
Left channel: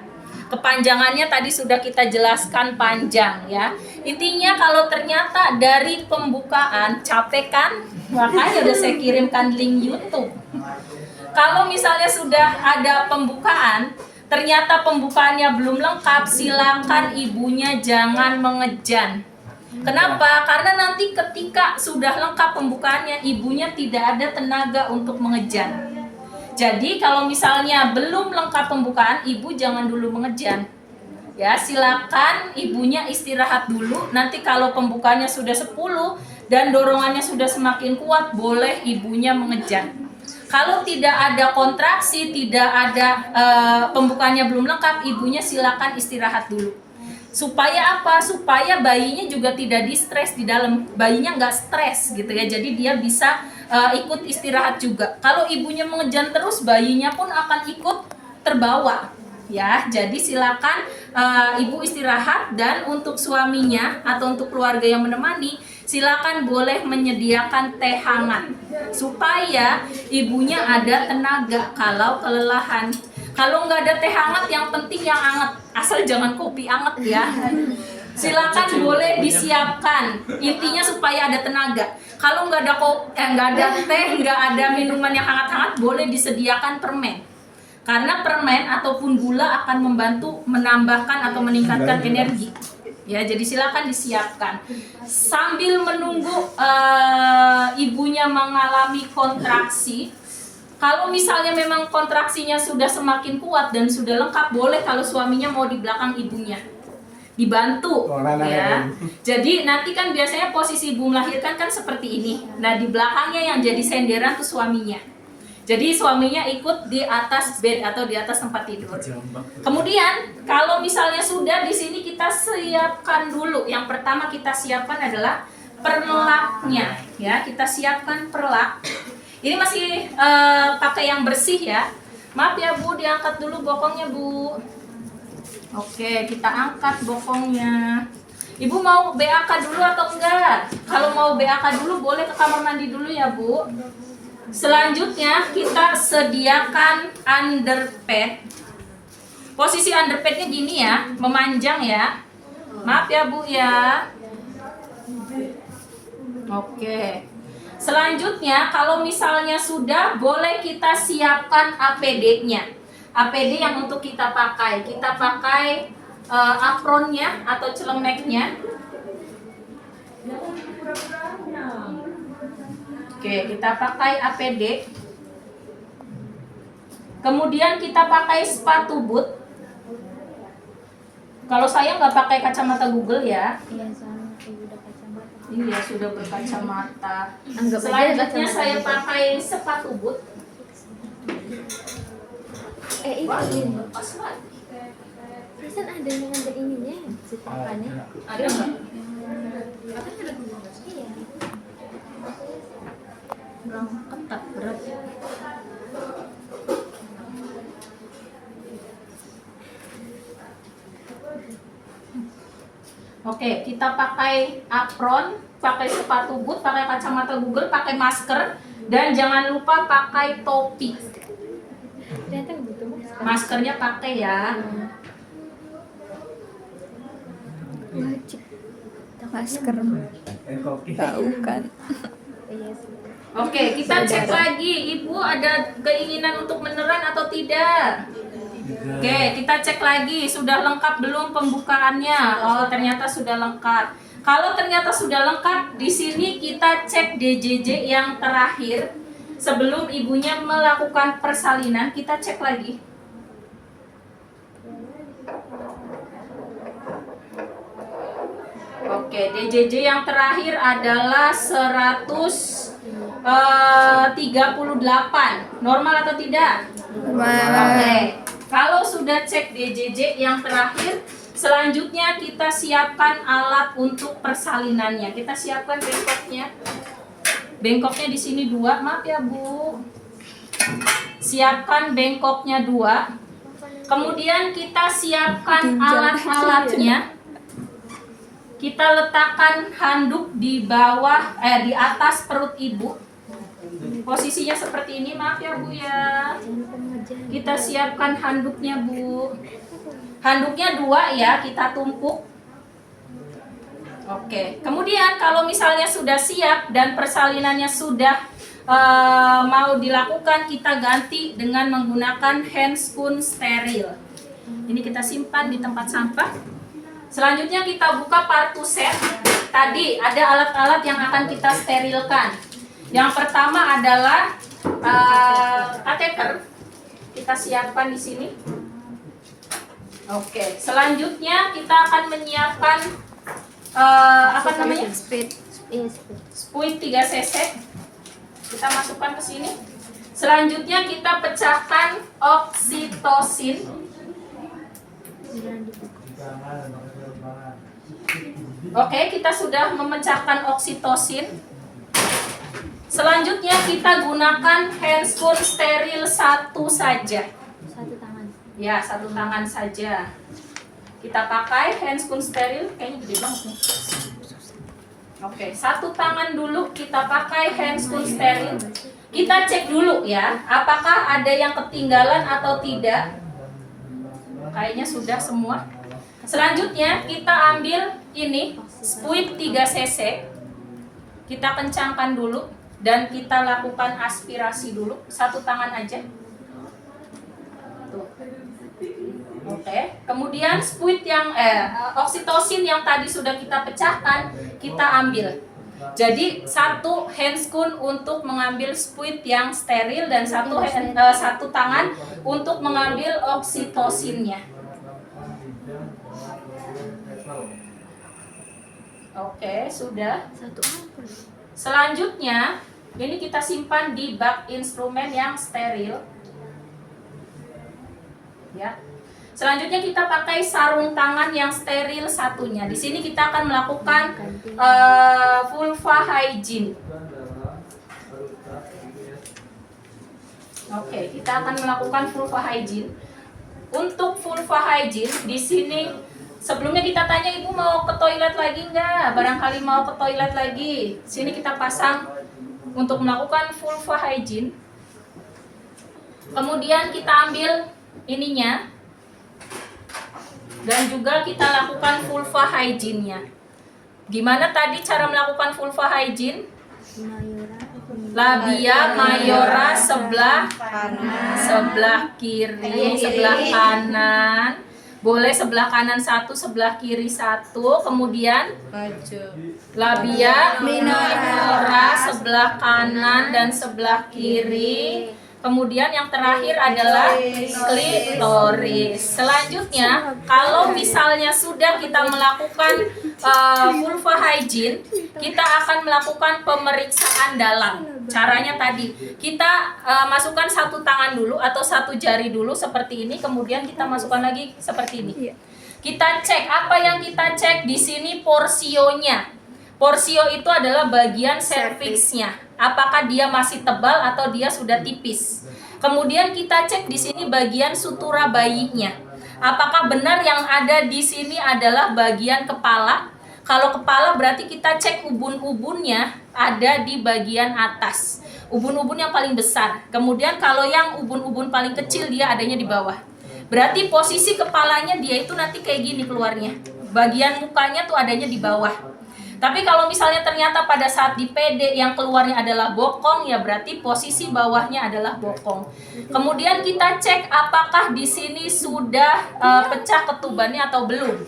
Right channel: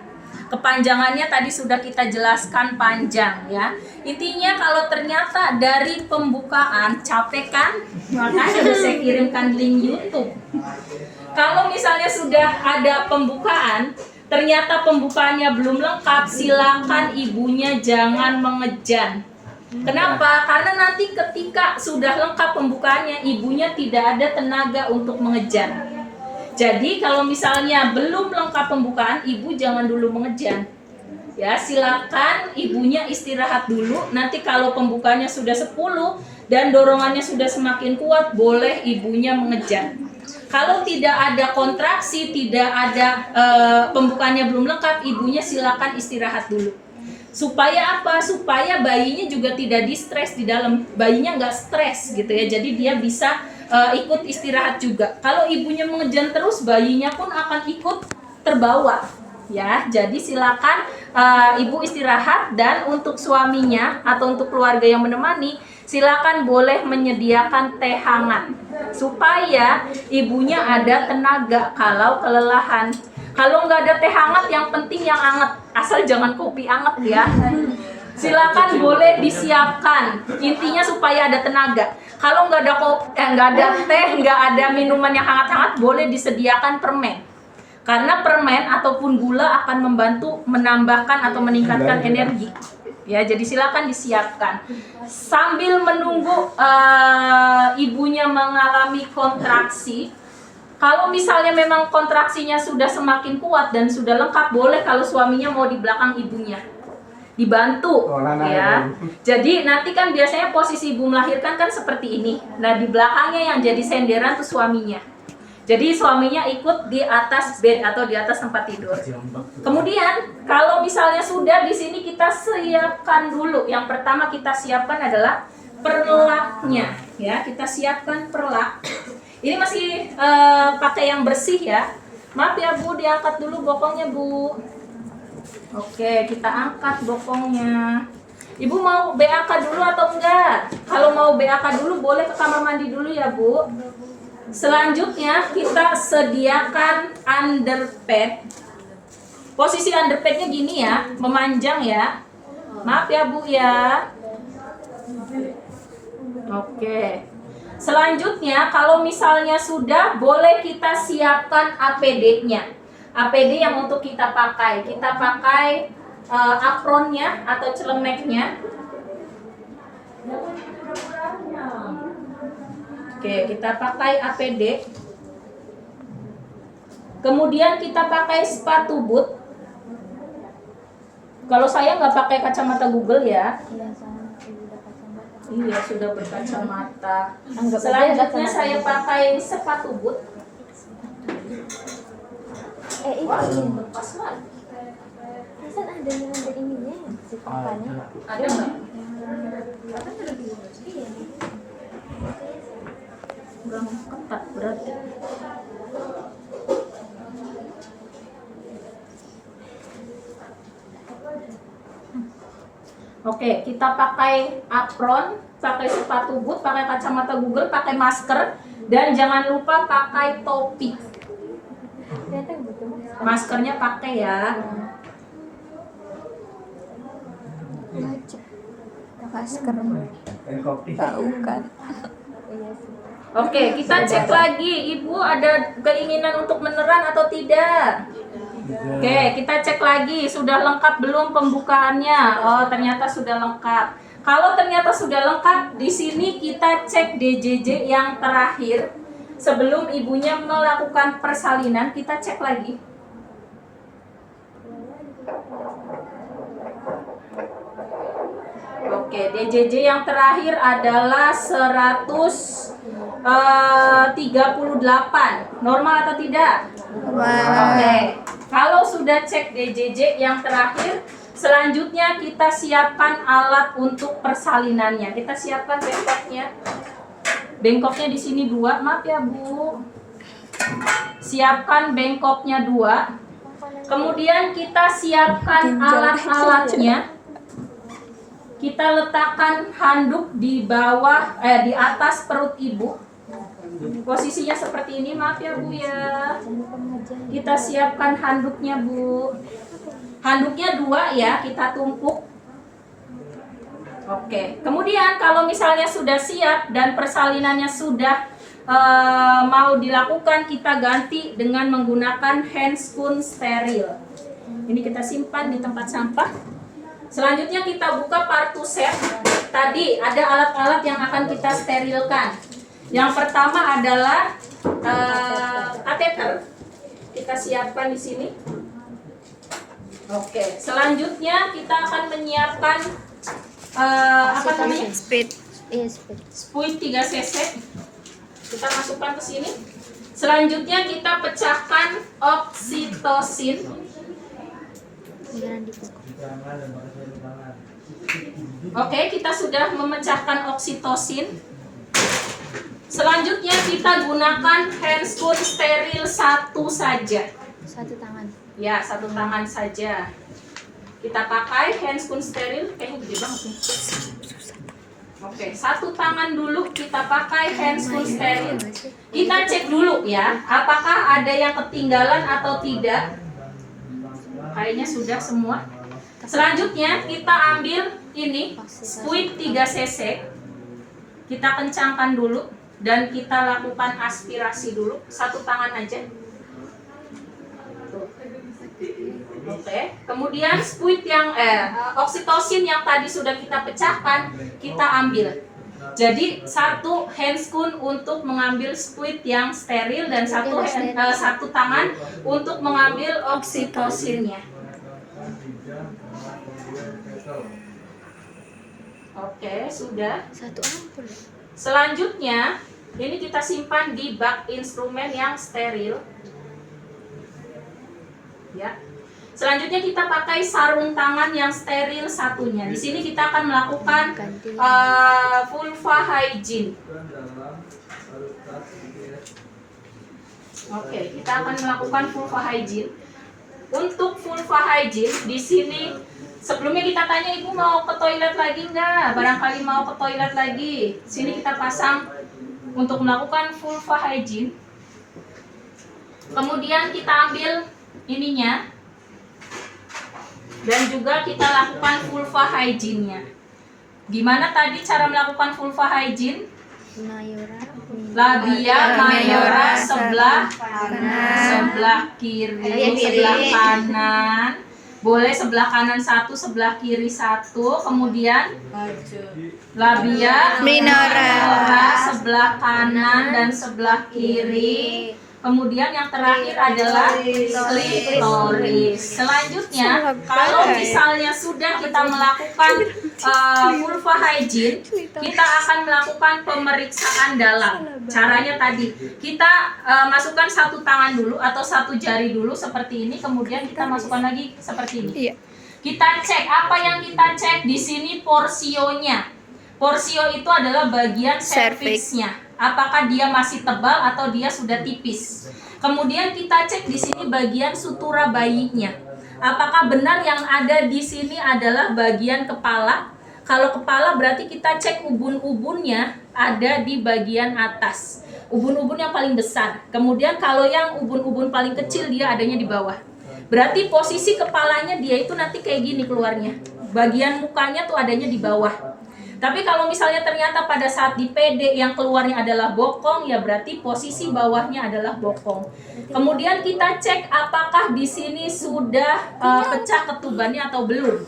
Kepanjangannya tadi sudah kita jelaskan panjang ya. Intinya kalau ternyata dari pembukaan capek kan, makanya udah saya kirimkan link YouTube. Kalau misalnya sudah ada pembukaan, ternyata pembukaannya belum lengkap, silakan ibunya jangan mengejan. Kenapa? Karena nanti ketika sudah lengkap pembukaannya, ibunya tidak ada tenaga untuk mengejan. Jadi kalau misalnya belum lengkap pembukaan, ibu jangan dulu mengejan. Ya, silakan ibunya istirahat dulu. Nanti kalau pembukaannya sudah 10 dan dorongannya sudah semakin kuat, boleh ibunya mengejan. Kalau tidak ada kontraksi, tidak ada pembukaannya belum lengkap, ibunya silakan istirahat dulu. Supaya apa? Supaya bayinya juga tidak distres di dalam. Bayinya nggak stres gitu ya. Jadi dia bisa ikut istirahat juga. Kalau ibunya mengejan terus, bayinya pun akan ikut terbawa. Ya, jadi silakan ibu istirahat, dan untuk suaminya atau untuk keluarga yang menemani, silakan boleh menyediakan teh hangat supaya ibunya ada tenaga kalau kelelahan. Kalau nggak ada teh hangat, yang penting yang hangat, asal jangan kopi hangat ya. Silakan boleh disiapkan, intinya supaya ada tenaga. Kalau nggak ada teh, nggak ada minuman yang hangat-hangat, boleh disediakan permen. Karena permen ataupun gula akan membantu menambahkan atau meningkatkan energi. Ya, jadi silakan disiapkan. Sambil menunggu ibunya mengalami kontraksi, kalau misalnya memang kontraksinya sudah semakin kuat dan sudah lengkap, boleh kalau suaminya mau di belakang ibunya dibantu ya. Jadi nanti kan biasanya posisi ibu melahirkan kan seperti ini. Nah, di belakangnya yang jadi senderan tuh suaminya. Jadi suaminya ikut di atas bed atau di atas tempat tidur. Kemudian kalau misalnya sudah di sini, kita siapkan dulu. Yang pertama kita siapkan adalah perlaknya, ya. Kita siapkan perlak. Ini masih pakai yang bersih ya. Maaf ya Bu, diangkat dulu bokongnya Bu. Oke, kita angkat bokongnya. Ibu mau BAK dulu atau enggak? Kalau mau BAK dulu boleh ke kamar mandi dulu ya Bu. Selanjutnya kita sediakan underpad. Posisi underpadnya gini ya, memanjang ya. Maaf ya Bu ya. Oke. Selanjutnya kalau misalnya sudah, boleh kita siapkan APD-nya. APD yang untuk kita pakai. Kita pakai apronnya atau celemeknya. Oke, kita pakai APD. Kemudian kita pakai sepatu boot. Kalau saya nggak pakai kacamata Google ya. Iya, sama sudah kacamata. Iya, sudah berkacamata. Selanjutnya saya pakai sepatu boot. Ini. Lepas lagi. Kan ada ininya, sikapannya. Ada nggak? Iya. Belum ketat berarti. Oke, kita pakai apron, pakai sepatu boot, pakai kacamata Google, pakai masker, dan jangan lupa pakai topi. Ternyata gitu mas. Maskernya pakai ya. Wajib masker. Tahu kan? Iya sih. Oke, kita cek lagi. Ibu ada keinginan untuk meneran atau tidak? Oke, kita cek lagi. Sudah lengkap belum pembukaannya? Oh, ternyata sudah lengkap. Kalau ternyata sudah lengkap, di sini kita cek DJJ yang terakhir. Sebelum ibunya melakukan persalinan, kita cek lagi. Oke, DJJ yang terakhir adalah 138. Normal atau tidak? Oke. Kalau sudah cek DJJ yang terakhir, selanjutnya kita siapkan alat untuk persalinannya. Kita siapkan bengkoknya. Bengkoknya di sini 2. Maaf ya, Bu. Siapkan bengkoknya 2. Kemudian kita siapkan alat-alatnya. Kita letakkan handuk di bawah, di atas perut ibu. Posisinya seperti ini, maaf ya Bu ya. Kita siapkan handuknya Bu. Handuknya 2 ya, kita tumpuk. Oke, kemudian kalau misalnya sudah siap dan persalinannya sudah mau dilakukan, kita ganti dengan menggunakan handscoon steril. Ini kita simpan di tempat sampah. Selanjutnya kita buka partu set. Tadi ada alat-alat yang akan kita sterilkan. Yang pertama adalah kateter. Kita siapkan di sini. Oke, selanjutnya kita akan menyiapkan apa namanya? Speed. Iya speed. Spuit 3 cc. Kita masukkan ke sini. Selanjutnya kita pecahkan oksitosin. Jangan dibuka. Oke, kita sudah memecahkan oksitosin. Selanjutnya kita gunakan handscoon steril 1 saja. Satu tangan. Ya, 1 tangan saja. Kita pakai handscoon steril, kayaknya gede banget nih. Oke, 1 tangan dulu kita pakai handscoon steril. Kita cek dulu ya, apakah ada yang ketinggalan atau tidak. Kayaknya sudah semua. Selanjutnya kita ambil ini spuit 3 cc. Kita kencangkan dulu dan kita lakukan aspirasi dulu. 1 tangan aja. Tuh. Oke. Kemudian spuit yang oksitosin yang tadi sudah kita pecahkan, kita ambil. Jadi 1 handscoon untuk mengambil spuit yang steril dan 1 tangan untuk mengambil oksitosinnya. Oke, sudah. 1 ampul. Selanjutnya, ini kita simpan di bak instrumen yang steril. Ya. Selanjutnya kita pakai sarung tangan yang steril satunya. Di sini kita akan melakukan vulva hygiene. Oke, kita akan melakukan vulva hygiene. Untuk vulva hygiene di sini sebelumnya kita tanya ibu mau ke toilet lagi nggak? Barangkali mau ke toilet lagi. Sini kita pasang untuk melakukan vulva hygiene. Kemudian kita ambil ininya dan juga kita lakukan vulva hygiene-nya. Gimana tadi cara melakukan vulva hygiene? Mayora. Labia mayora sebelah kanan, sebelah kiri, sebelah kanan. Boleh sebelah kanan 1, sebelah kiri 1. Kemudian labia minora sebelah kanan dan sebelah kiri. Kemudian yang terakhir adalah klitoris. Selanjutnya, kalau misalnya sudah kita melakukan vulva hygiene, kita akan melakukan pemeriksaan dalam. Caranya tadi, kita masukkan satu tangan dulu atau satu jari dulu seperti ini, kemudian kita masukkan lagi seperti ini. Kita cek, apa yang kita cek di sini porsionya. Porsio itu adalah bagian serviksnya. Apakah dia masih tebal atau dia sudah tipis. Kemudian kita cek di sini bagian sutura bayinya. Apakah benar yang ada di sini adalah bagian kepala? Kalau kepala berarti kita cek ubun-ubunnya ada di bagian atas. Ubun-ubun yang paling besar. Kemudian kalau yang ubun-ubun paling kecil dia adanya di bawah. Berarti posisi kepalanya dia itu nanti kayak gini keluarnya. Bagian mukanya tuh adanya di bawah. Tapi kalau misalnya ternyata pada saat di PD yang keluarnya adalah bokong, ya berarti posisi bawahnya adalah bokong. Kemudian kita cek apakah di sini sudah pecah ketubannya atau belum.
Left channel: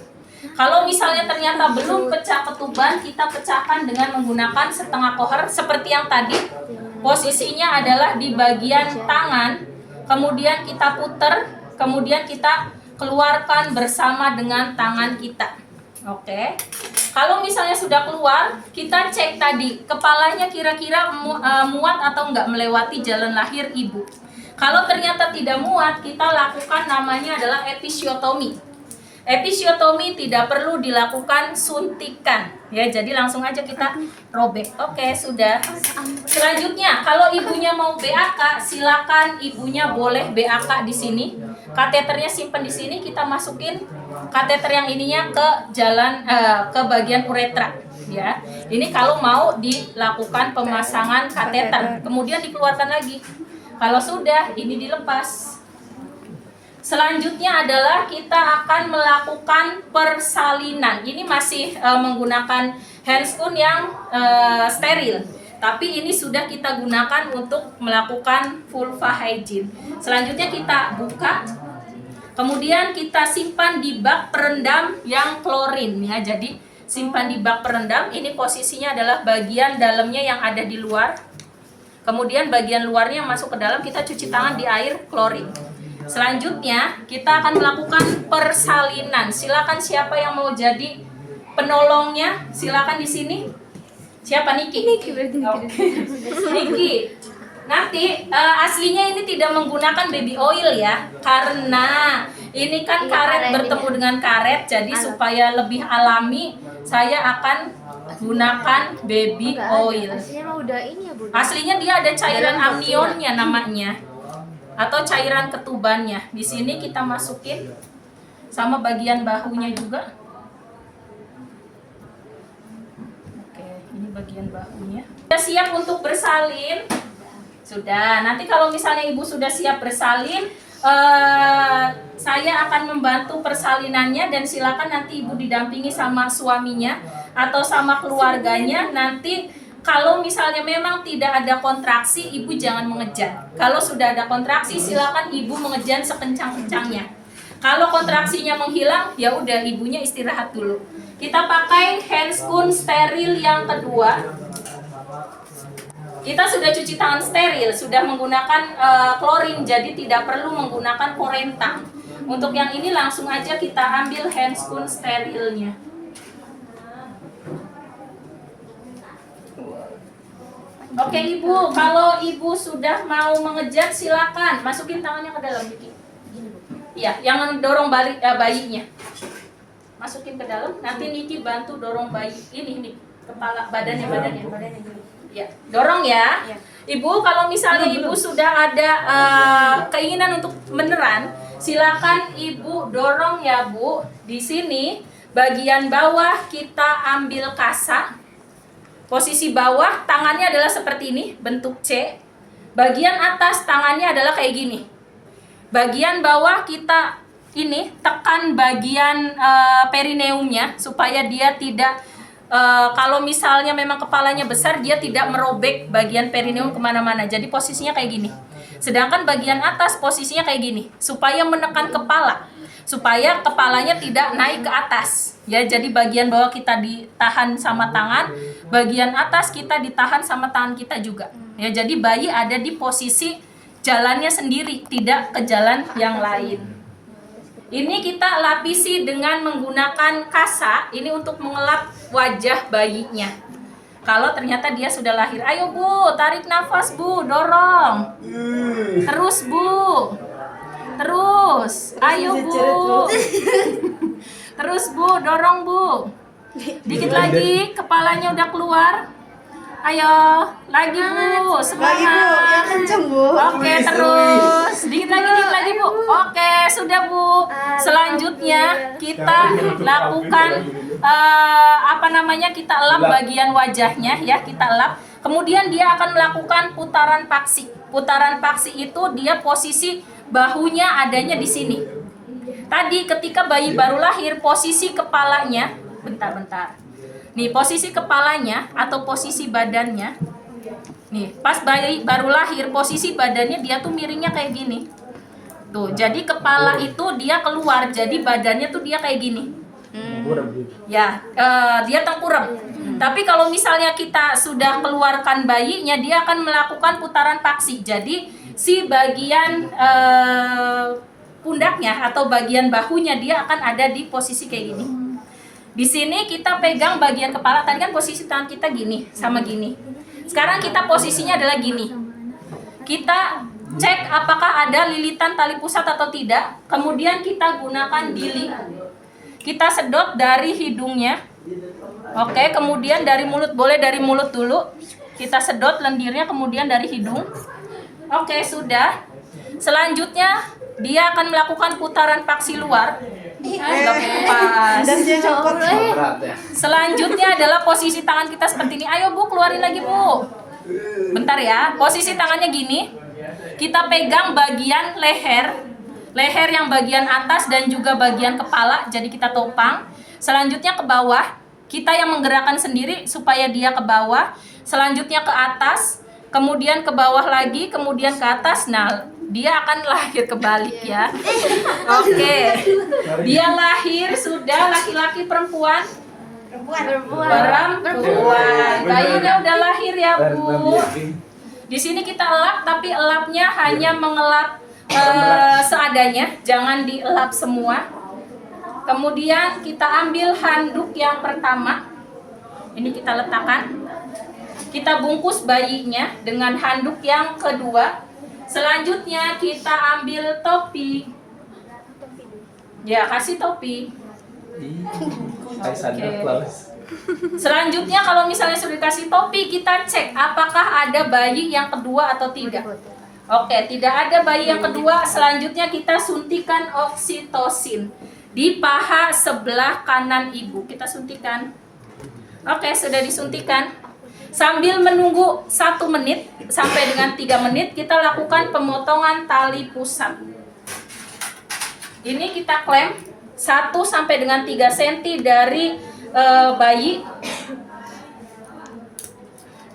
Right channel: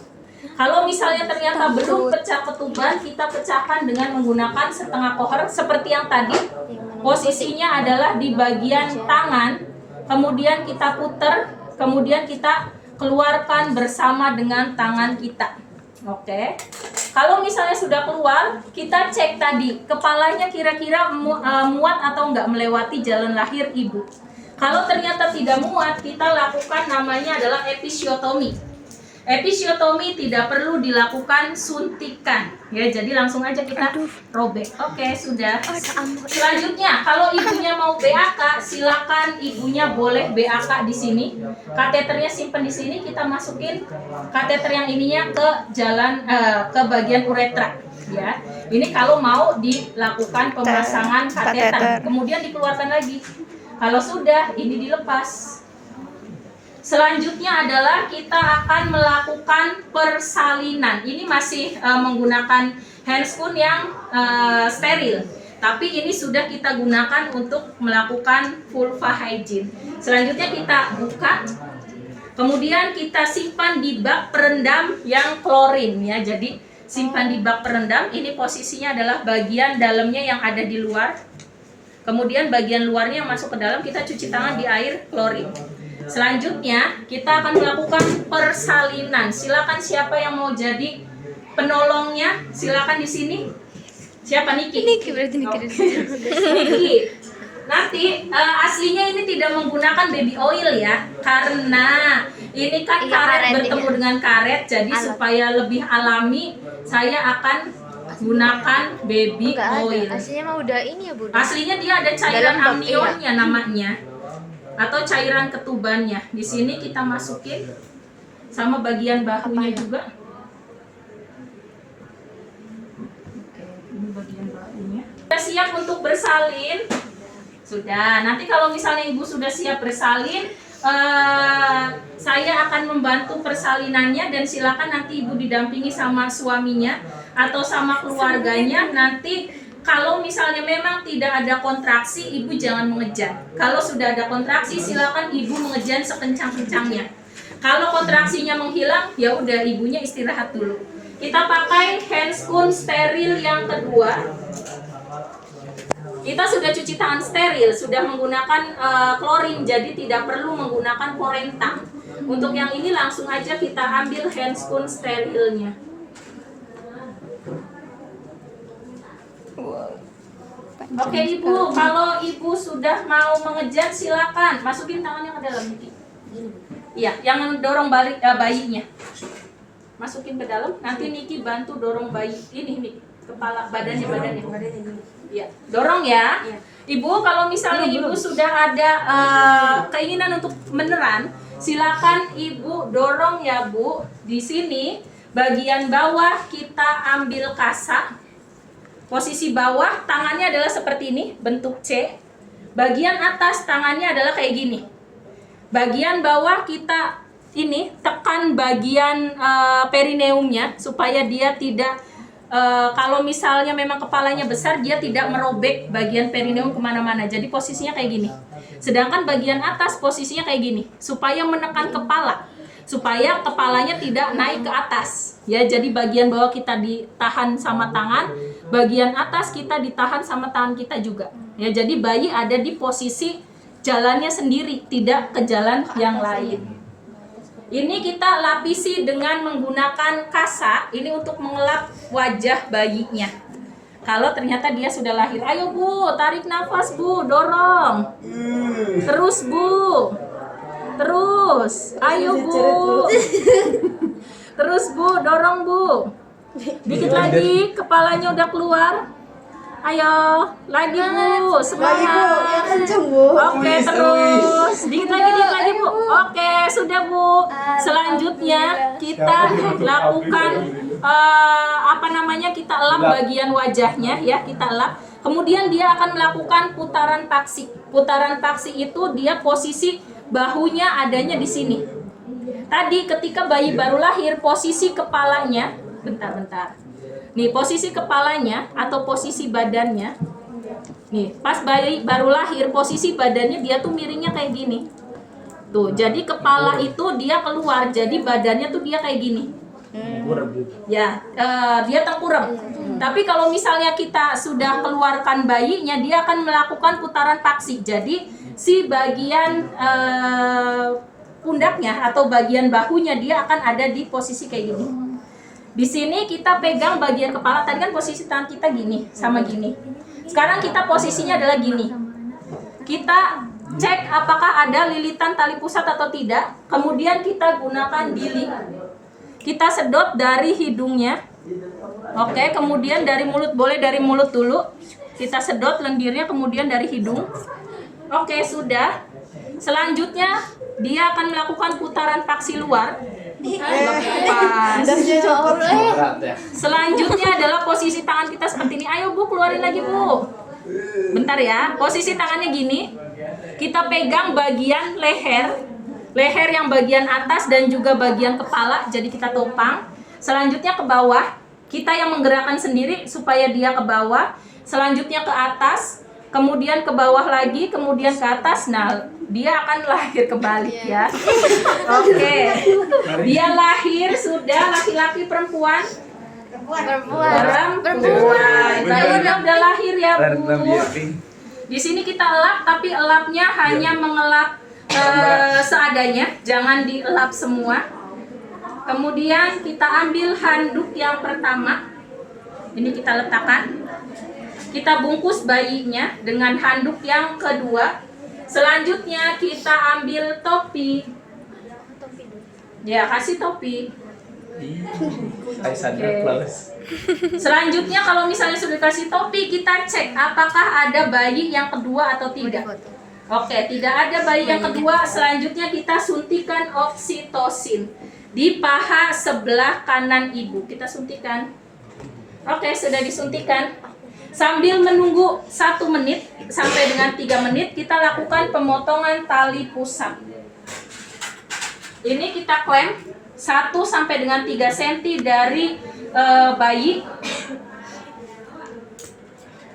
Kalau misalnya ternyata belum pecah ketuban, kita pecahkan dengan menggunakan setengah kohar seperti yang tadi. Posisinya adalah di bagian tangan, kemudian kita puter, kemudian kita keluarkan bersama dengan tangan kita. Oke. Kalau misalnya sudah keluar, kita cek tadi kepalanya kira-kira muat atau enggak melewati jalan lahir ibu. Kalau ternyata tidak muat, kita lakukan namanya adalah episiotomi. Episiotomi tidak perlu dilakukan suntikan, ya. Jadi langsung aja kita robek. Oke, sudah. Selanjutnya, kalau ibunya mau BAK, silakan ibunya boleh BAK di sini. Kateternya simpan di sini, kita masukin kateter yang ininya ke jalan ke bagian uretra, ya. Ini kalau mau dilakukan pemasangan kateter, kemudian dikeluarkan lagi. Kalau sudah, ini dilepas. Selanjutnya adalah kita akan melakukan persalinan. Ini masih menggunakan handscoon yang steril. Tapi ini sudah kita gunakan untuk melakukan vulva hygiene. Selanjutnya kita buka. Kemudian kita simpan di bak perendam yang klorin, ya. Jadi simpan di bak perendam. Ini posisinya adalah bagian dalamnya yang ada di luar. Kemudian bagian luarnya masuk ke dalam, kita cuci tangan di air klorin. Selanjutnya kita akan melakukan persalinan. Silakan siapa yang mau jadi penolongnya, silakan di sini. Siapa? Niki? Niki berarti Niki. Niki. Nanti aslinya ini tidak menggunakan baby oil, ya, karena ini kan karet bertemu dengan karet. Jadi supaya lebih alami, saya akan gunakan baby oil. Aslinya mah udah ini ya, Bunda. Aslinya dia ada cairan amnionnya namanya, atau cairan ketubannya. Di sini kita masukin sama bagian bahunya juga. Oke, ini bagian bahunya. Sudah siap untuk bersalin? Sudah. Nanti kalau misalnya ibu sudah siap bersalin, saya akan membantu persalinannya, dan silakan nanti ibu didampingi sama suaminya atau sama keluarganya. Nanti kalau misalnya memang tidak ada kontraksi, ibu jangan mengejan. Kalau sudah ada kontraksi, silakan ibu mengejan sekencang-kencangnya. Kalau kontraksinya menghilang, ya udah ibunya istirahat dulu. Kita pakai handscoon steril yang kedua. Kita sudah cuci tangan steril, sudah menggunakan klorin, jadi tidak perlu menggunakan porentang. Untuk yang ini langsung aja kita ambil handscoon sterilnya. Oke ibu, kalau ibu sudah mau mengejar silakan masukin tangannya ke dalam, Niki. Iya, yang dorong balik bayinya. Masukin ke dalam. Nanti Niki bantu dorong bayi ini, kepala badannya. Ya, dorong ya. Ibu, kalau misalnya ibu sudah ada keinginan untuk beneran, silakan ibu dorong ya, Bu. Di sini bagian bawah kita ambil kasa. Posisi bawah tangannya adalah seperti ini, bentuk C. Bagian atas tangannya adalah kayak gini. Bagian bawah kita ini tekan bagian perineumnya supaya dia tidak kalau misalnya memang kepalanya besar, dia tidak merobek bagian perineum kemana-mana. Jadi posisinya kayak gini. Sedangkan bagian atas posisinya kayak gini, supaya menekan kepala, supaya kepalanya tidak naik ke atas. Ya, jadi bagian bawah kita ditahan sama tangan, bagian atas kita ditahan sama tangan kita juga. Ya, jadi bayi ada di posisi jalannya sendiri, tidak ke jalan yang lain. Ini kita lapisi dengan menggunakan kasa. Ini untuk mengelap wajah bayinya. Kalau ternyata dia sudah lahir, ayo Bu, tarik nafas Bu, dorong. Terus Bu. Terus, ayo Bu. Terus Bu, dorong Bu. Dikit lagi, kepalanya udah keluar. Ayo, lagi Bu, semangat. Oke, terus. Dikit lagi Bu. Oke, sudah Bu. Selanjutnya kita lakukan kita elap bagian wajahnya ya, kita elap. Kemudian dia akan melakukan putaran paksi. Putaran paksi itu dia posisi bahunya adanya di sini. Tadi ketika bayi baru lahir, posisi kepalanya, bentar. Nih, posisi kepalanya atau posisi badannya. Nih, pas bayi baru lahir, posisi badannya dia tuh miringnya kayak gini. Tuh, jadi kepala itu dia keluar, jadi badannya tuh dia kayak gini. Ya, dia tengkurap. Tapi kalau misalnya kita sudah keluarkan bayinya, dia akan melakukan putaran paksi. Jadi si bagian pundaknya atau bagian bahunya dia akan ada di posisi kayak gini. Di sini kita pegang bagian kepala. Tadi kan posisi tangan kita gini sama gini. Sekarang kita posisinya adalah gini. Kita cek apakah ada lilitan tali pusat atau tidak. Kemudian kita gunakan dili. Kita sedot dari hidungnya. Oke, kemudian dari mulut. Boleh dari mulut dulu. Kita sedot lendirnya, kemudian dari hidung. Oke, sudah. Selanjutnya dia akan melakukan putaran paksi luar. Lepas. Selanjutnya adalah posisi tangan kita seperti ini. Ayo Bu, keluarin lagi Bu. Bentar ya. Posisi tangannya gini. Kita pegang bagian leher yang bagian atas dan juga bagian kepala. Jadi kita topang. Selanjutnya ke bawah. Kita yang menggerakkan sendiri supaya dia ke bawah. Selanjutnya ke atas. Kemudian ke bawah lagi. Kemudian ke atas. Nah, dia akan lahir kebalik ya. Oke. Dia lahir sudah laki-laki perempuan? Perempuan. Bayi udah lahir ya Bu. Di sini kita elap, tapi elapnya hanya mengelap seadanya, jangan dielap semua. Kemudian kita ambil handuk yang pertama. Ini kita letakkan. Kita bungkus bayinya dengan handuk yang kedua. Selanjutnya kita ambil topi. Ya, kasih topi. Selanjutnya kalau misalnya sudah kasih topi, kita cek apakah ada bayi yang kedua atau tidak. Oke, tidak ada bayi yang kedua. Selanjutnya kita suntikan oksitosin di paha sebelah kanan ibu. Kita suntikan. Oke, sudah disuntikan. Sambil menunggu 1 menit sampai dengan 3 menit, kita lakukan pemotongan tali pusat. Ini kita klem 1 sampai dengan 3 cm dari bayi.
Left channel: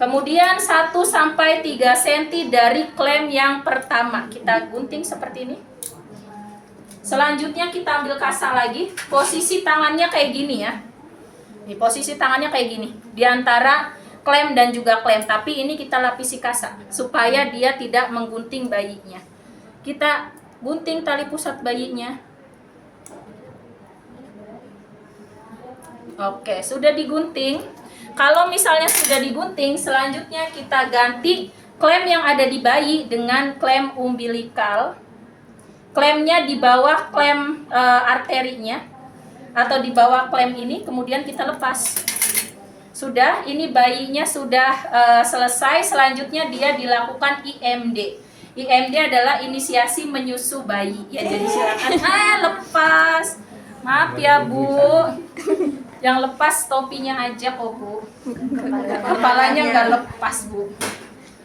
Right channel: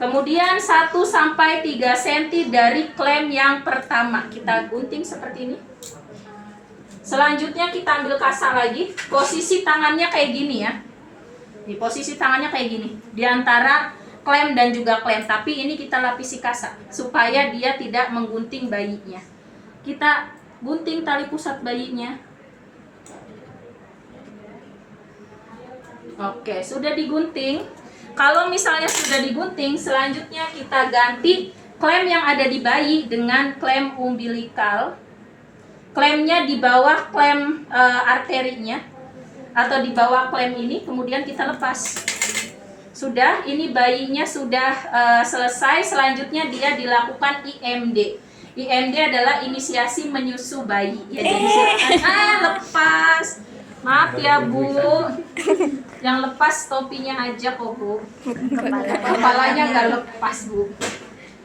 Kemudian 1 sampai 3 cm dari klem yang pertama. Kita gunting seperti ini. Selanjutnya kita ambil kasa lagi. Posisi tangannya kayak gini ya. Nih, posisi tangannya kayak gini. Di antara klem dan juga klem, tapi ini kita lapisi kasa supaya dia tidak menggunting bayinya. Kita gunting tali pusat bayinya. Oke, sudah digunting. Kalau misalnya sudah digunting, selanjutnya kita ganti klem yang ada di bayi dengan klem umbilikal. Klemnya di bawah klem arterinya atau di bawah klem ini, kemudian kita lepas. Sudah, ini bayinya sudah selesai. Selanjutnya dia dilakukan IMD. IMD adalah inisiasi menyusu bayi. Ya, jadi silakan. Lepas. Maaf ya Bu. Yang lepas topinya aja kok Bu. Kepalanya nggak lepas Bu.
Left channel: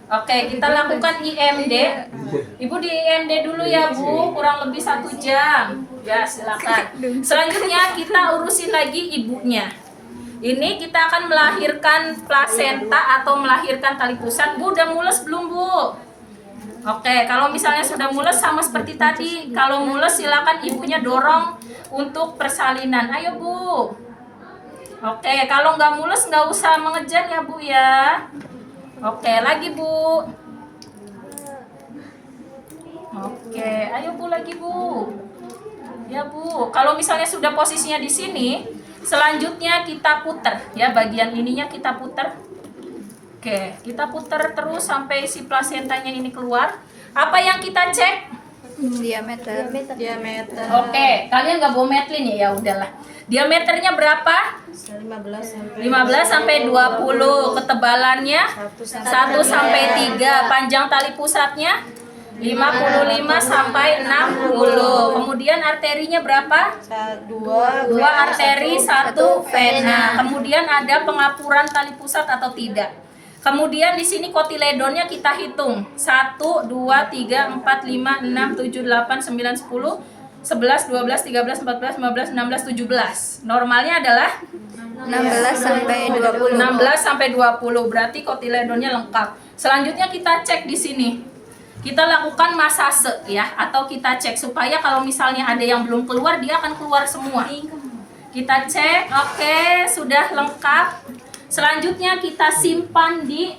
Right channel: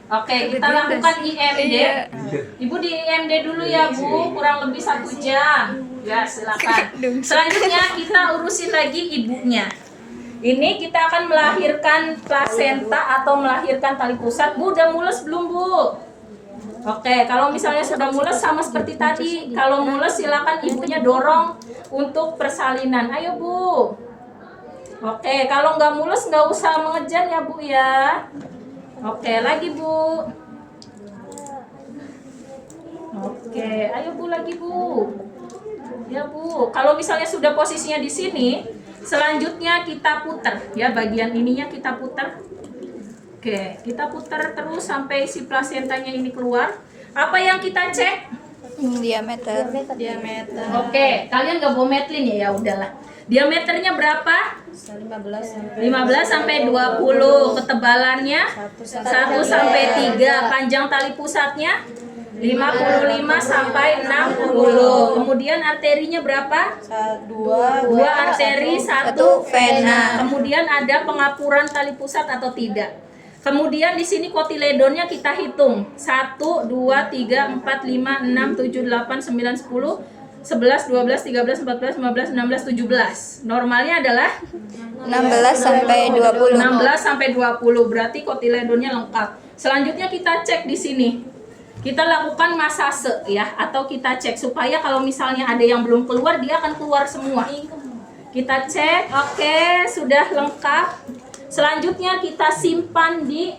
Oke, kita lakukan IMD. Ibu di IMD dulu ya Bu, kurang lebih 1 jam. Ya, silakan. Selanjutnya kita urusin lagi ibunya. Ini kita akan melahirkan plasenta atau melahirkan tali pusat. Bu, udah mules belum Bu? Oke, kalau misalnya sudah mules sama seperti tadi. Kalau mules silakan ibunya dorong untuk persalinan. Ayo Bu. Oke, kalau nggak mules nggak usah mengejar ya Bu ya. Oke, lagi Bu. Oke, ayo Bu lagi Bu. Ya Ya Bu, kalau misalnya sudah posisinya di sini, selanjutnya kita putar ya, bagian ininya kita putar. Oke, kita putar terus sampai si plasentanya ini keluar. Apa yang kita cek? Diameter. Oke, kalian nggak bawa metlin ya? Ya udahlah. Diameternya berapa? 15 sampai 20. Ketebalannya 1 sampai 3. Panjang tali pusatnya 55 sampai 60. Kemudian arterinya berapa? 2 arteri, 1 vena. Kemudian ada pengapuran tali pusat atau tidak. Kemudian di sini kotiledonnya kita hitung. 1 2 3 4 5 6 7 8 9 10 11 12 13 14 15 16 17. Normalnya adalah 16 sampai 20. 16 sampai 20. Berarti kotiledonnya lengkap. Selanjutnya kita cek di sini. Kita lakukan masase ya, atau kita cek supaya kalau misalnya ada yang belum keluar, dia akan keluar semua. Kita cek, oke, sudah lengkap. Selanjutnya kita simpan di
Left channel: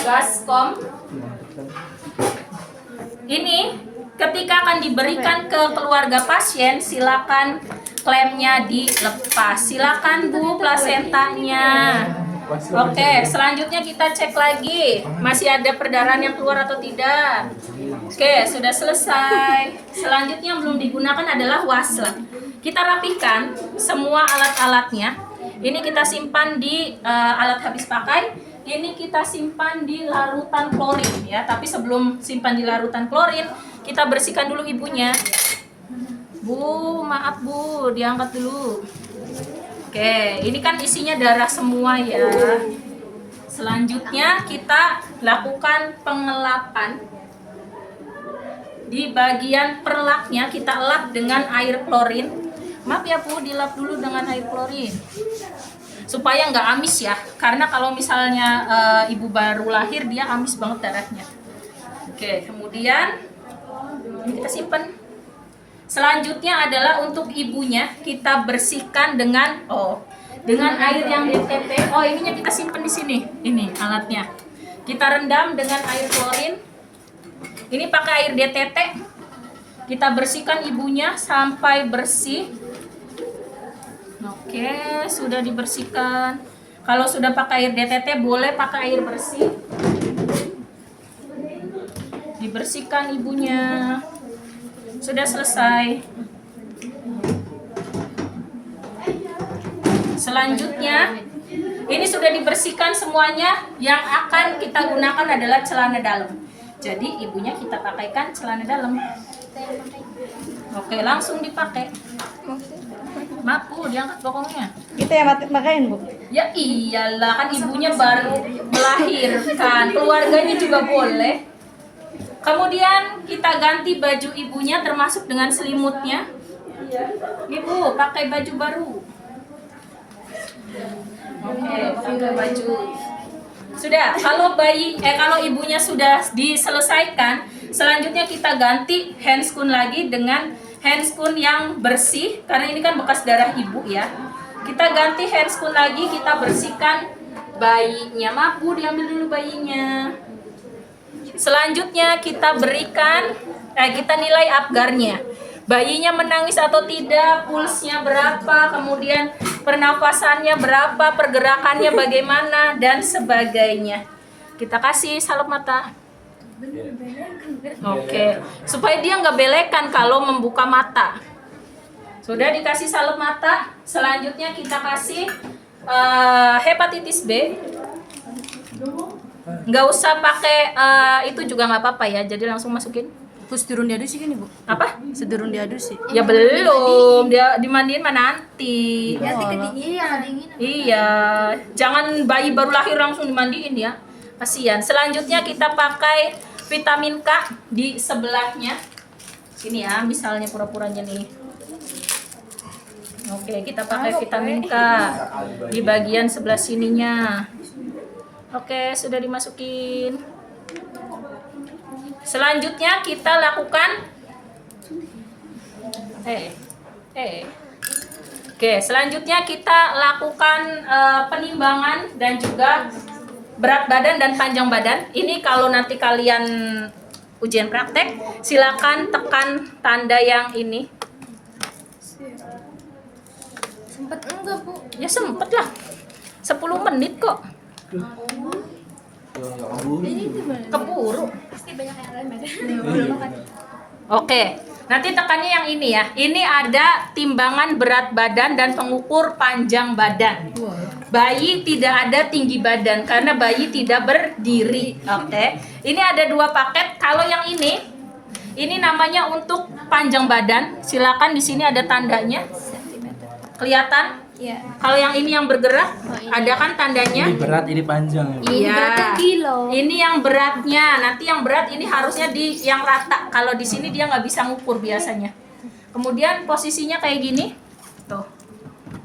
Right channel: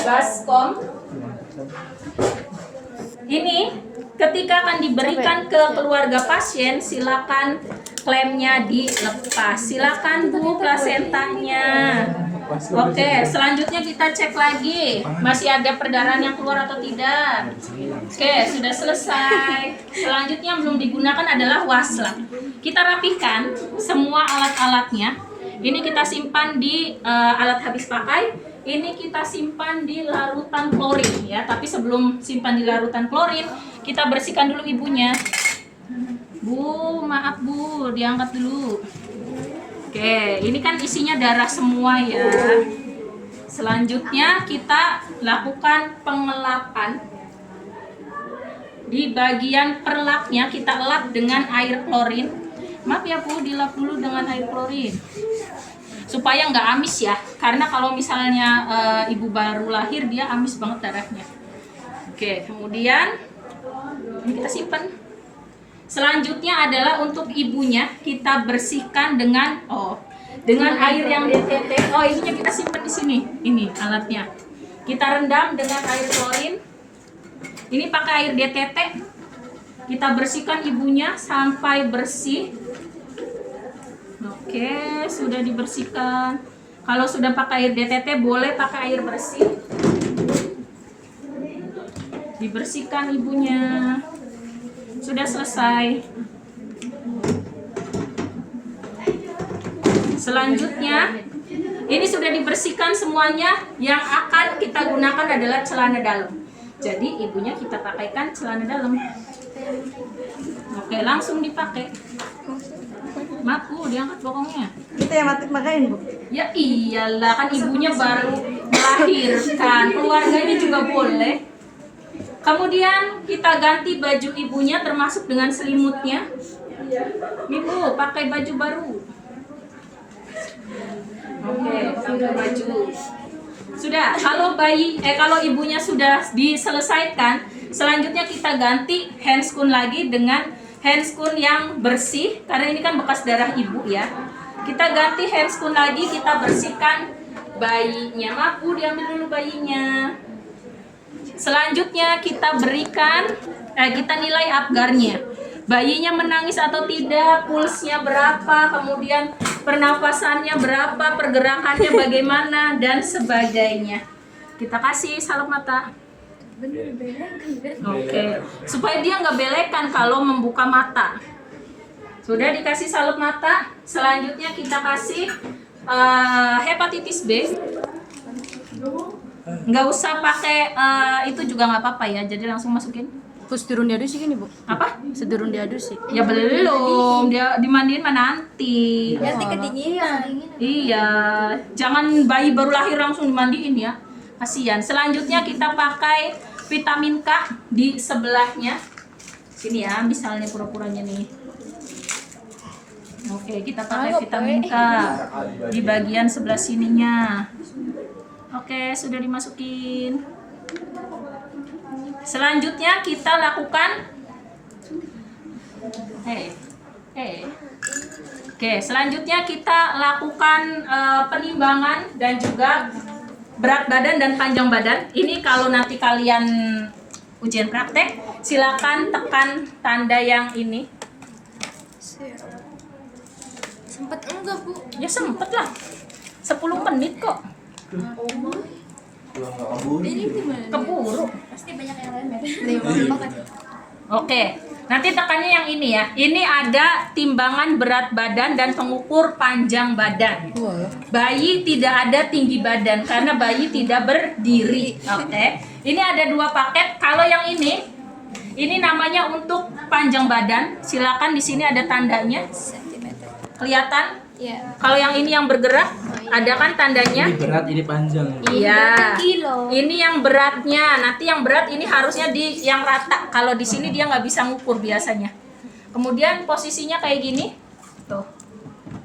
baskom. Ini ketika akan diberikan ke keluarga pasien, silakan klemnya dilepas. Silakan Bu plasentanya. Oke, selanjutnya kita cek lagi. Masih ada perdarahan yang keluar atau tidak? Oke, sudah selesai. Selanjutnya belum digunakan adalah waslat. Kita rapihkan semua alat-alatnya. Ini kita simpan di alat habis pakai. Ini kita simpan di larutan klorin ya. Tapi sebelum simpan di larutan klorin, kita bersihkan dulu ibunya. Bu, maaf Bu, diangkat dulu. Oke, ini kan isinya darah semua ya. Selanjutnya kita lakukan pengelapan. Di bagian perlaknya kita elap dengan air klorin. Maaf ya Bu, dilap dulu dengan air klorin. Supaya nggak amis ya. Karena kalau misalnya ibu baru lahir, dia amis banget darahnya. Oke, kemudian ini kita simpan. Selanjutnya adalah untuk ibunya kita bersihkan dengan air yang DTT. Oh, ininya kita simpan di sini. Ini alatnya. Kita rendam dengan air klorin. Ini pakai air DTT. Kita bersihkan ibunya sampai bersih. Oke, sudah dibersihkan. Kalau sudah pakai air DTT, boleh pakai air bersih. Dibersihkan ibunya. Sudah selesai. Selanjutnya, ini sudah dibersihkan semuanya. Yang akan kita gunakan adalah celana dalam. Jadi ibunya kita pakaikan celana dalam. Oke, langsung dipakai. Maaf Bu, diangkat bokongnya. Kita yang makain Bu. Ya iyalah, kan ibunya baru melahirkan. Keluarganya juga boleh. Kemudian kita ganti baju ibunya termasuk dengan selimutnya. Ibu pakai baju baru. Oke, pakai baju. Sudah, kalau ibunya sudah diselesaikan, selanjutnya kita ganti handscoon lagi dengan handscoon yang bersih karena ini kan bekas darah ibu ya. Kita ganti handscoon lagi, kita bersihkan bayinya. Maaf Bu, diambil dulu bayinya. Selanjutnya kita kita nilai apgarnya. Bayinya menangis atau tidak, pulsnya berapa, kemudian pernafasannya berapa, pergerakannya bagaimana, dan sebagainya. Kita kasih salep mata. Oke, supaya dia nggak belekan kalau membuka mata. Sudah dikasih salep mata, selanjutnya kita kasih hepatitis B. Nggak usah pakai itu juga nggak apa-apa ya, jadi langsung masukin. Terus turun diadus sih ini Bu? Apa? Seturun diadus sih. Ya belum, dia dimandiin mah nanti. Nanti kedinginan. Iya, jangan bayi baru lahir langsung dimandiin ya, kasihan. Selanjutnya kita pakai vitamin K di sebelahnya. Sini ya, misalnya pura-puranya nih. Oke, kita pakai vitamin K di bagian sebelah sininya. Oke, sudah dimasukin. Selanjutnya kita lakukan Oke, selanjutnya kita lakukan penimbangan dan juga berat badan dan panjang badan. Ini kalau nanti kalian ujian praktek, silakan tekan tanda yang ini. Sempet enggak, Bu? Ya sempet lah. 10 menit kok. Keburu. Pasti banyak yang lain, Mer. Oke, nanti tekannya yang ini ya. Ini ada timbangan berat badan dan pengukur panjang badan. Bayi tidak ada tinggi badan karena bayi tidak berdiri. Oke, ini ada 2 paket. Kalau yang ini namanya untuk panjang badan. Silakan, di sini ada tandanya. Kelihatan? Iya. Kalau yang ini yang bergerak, ada kan tandanya? Ini berat, ini panjang. Iya. Kilo. Ini yang beratnya. Nanti yang berat ini harusnya di yang rata. Kalau di sini dia nggak bisa ngukur biasanya. Kemudian posisinya kayak gini. Tuh.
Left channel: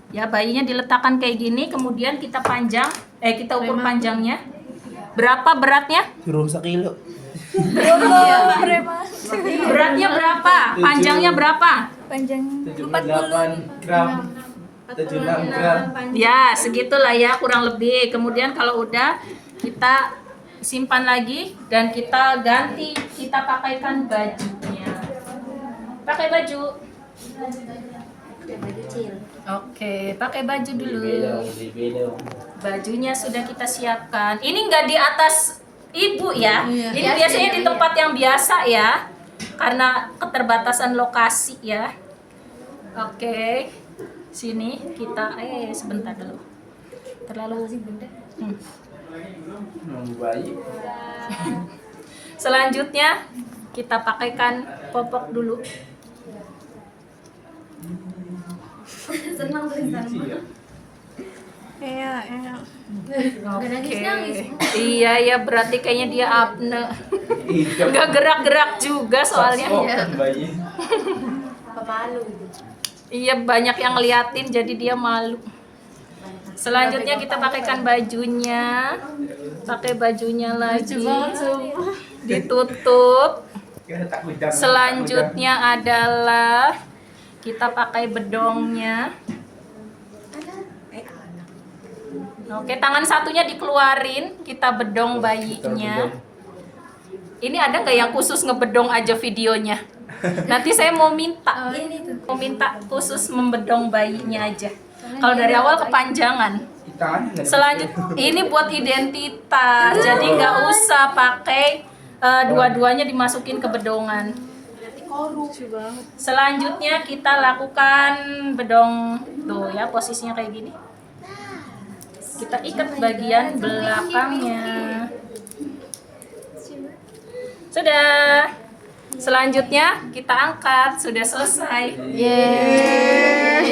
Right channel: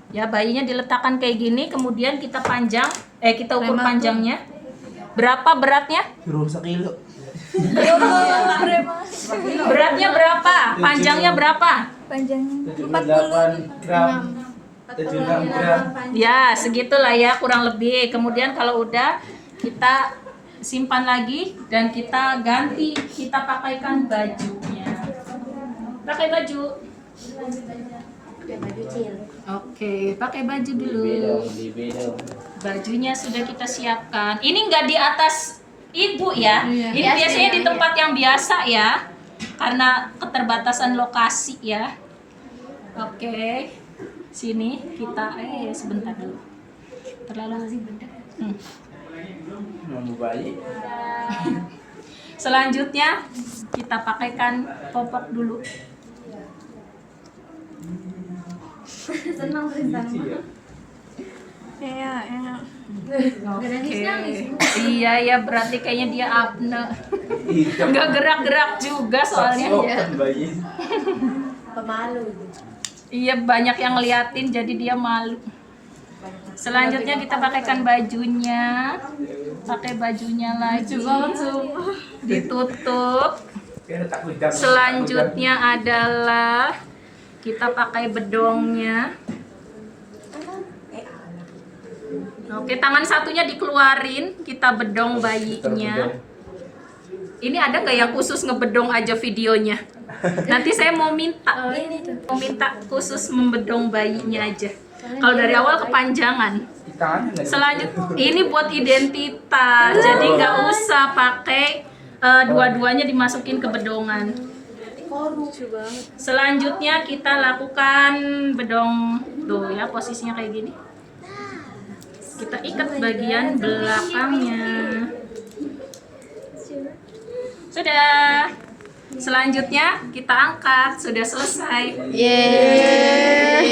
Ya, bayinya diletakkan kayak gini. Kemudian kita kita ukur panjangnya. Berapa beratnya? Turun 1 kilo. Beratnya berapa? Panjangnya berapa? Panjang 78 gram. 76 gram. Ya, segitulah ya kurang lebih. Kemudian kalau udah kita simpan lagi dan kita ganti, kita pakaikan bajunya. Pakai baju. Pakai baju cil. Oke, pakai baju dulu. Beda. Bajunya sudah kita siapkan. Ini nggak di atas ibu ya. Iya. Ini biasanya di tempat yang biasa ya. Karena keterbatasan lokasi ya. Oke. Sini kita sebentar dulu. Terlalu sih benda. Mau bayi. Selanjutnya kita pakaikan popok dulu. senang Iya. Iya. Iya ya, berarti kayaknya dia apne. Nggak gerak-gerak juga soalnya. Bayi. Pemalu. Iya, banyak yang ngeliatin jadi dia malu. Selanjutnya kita pakaikan bajunya. Pakai bajunya lagi. Ditutup. Selanjutnya adalah kita pakai bedongnya. Oke, tangan satunya dikeluarin, kita bedong bayinya. Ini ada nggak yang khusus ngebedong aja videonya? Nanti saya mau minta, khusus membedong bayinya aja. Kalau dari awal kepanjangan. Selanjutnya ini buat identitas, jadi nggak usah pakai dua-duanya dimasukin ke bedongan. Selanjutnya kita lakukan bedong tuh ya, posisinya kayak gini. Kita ikat bagian belakangnya. Sudah. Selanjutnya kita angkat, sudah selesai. Yeay.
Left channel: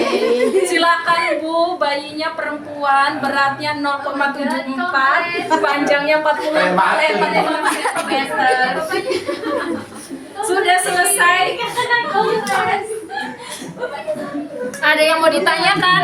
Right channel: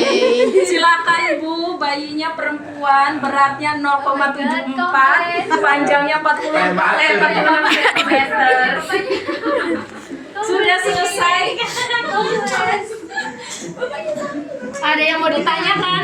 Silakan Bu, bayinya perempuan, beratnya 0,74, panjangnya 46 cm. Sudah selesai. Ada yang mau ditanyakan?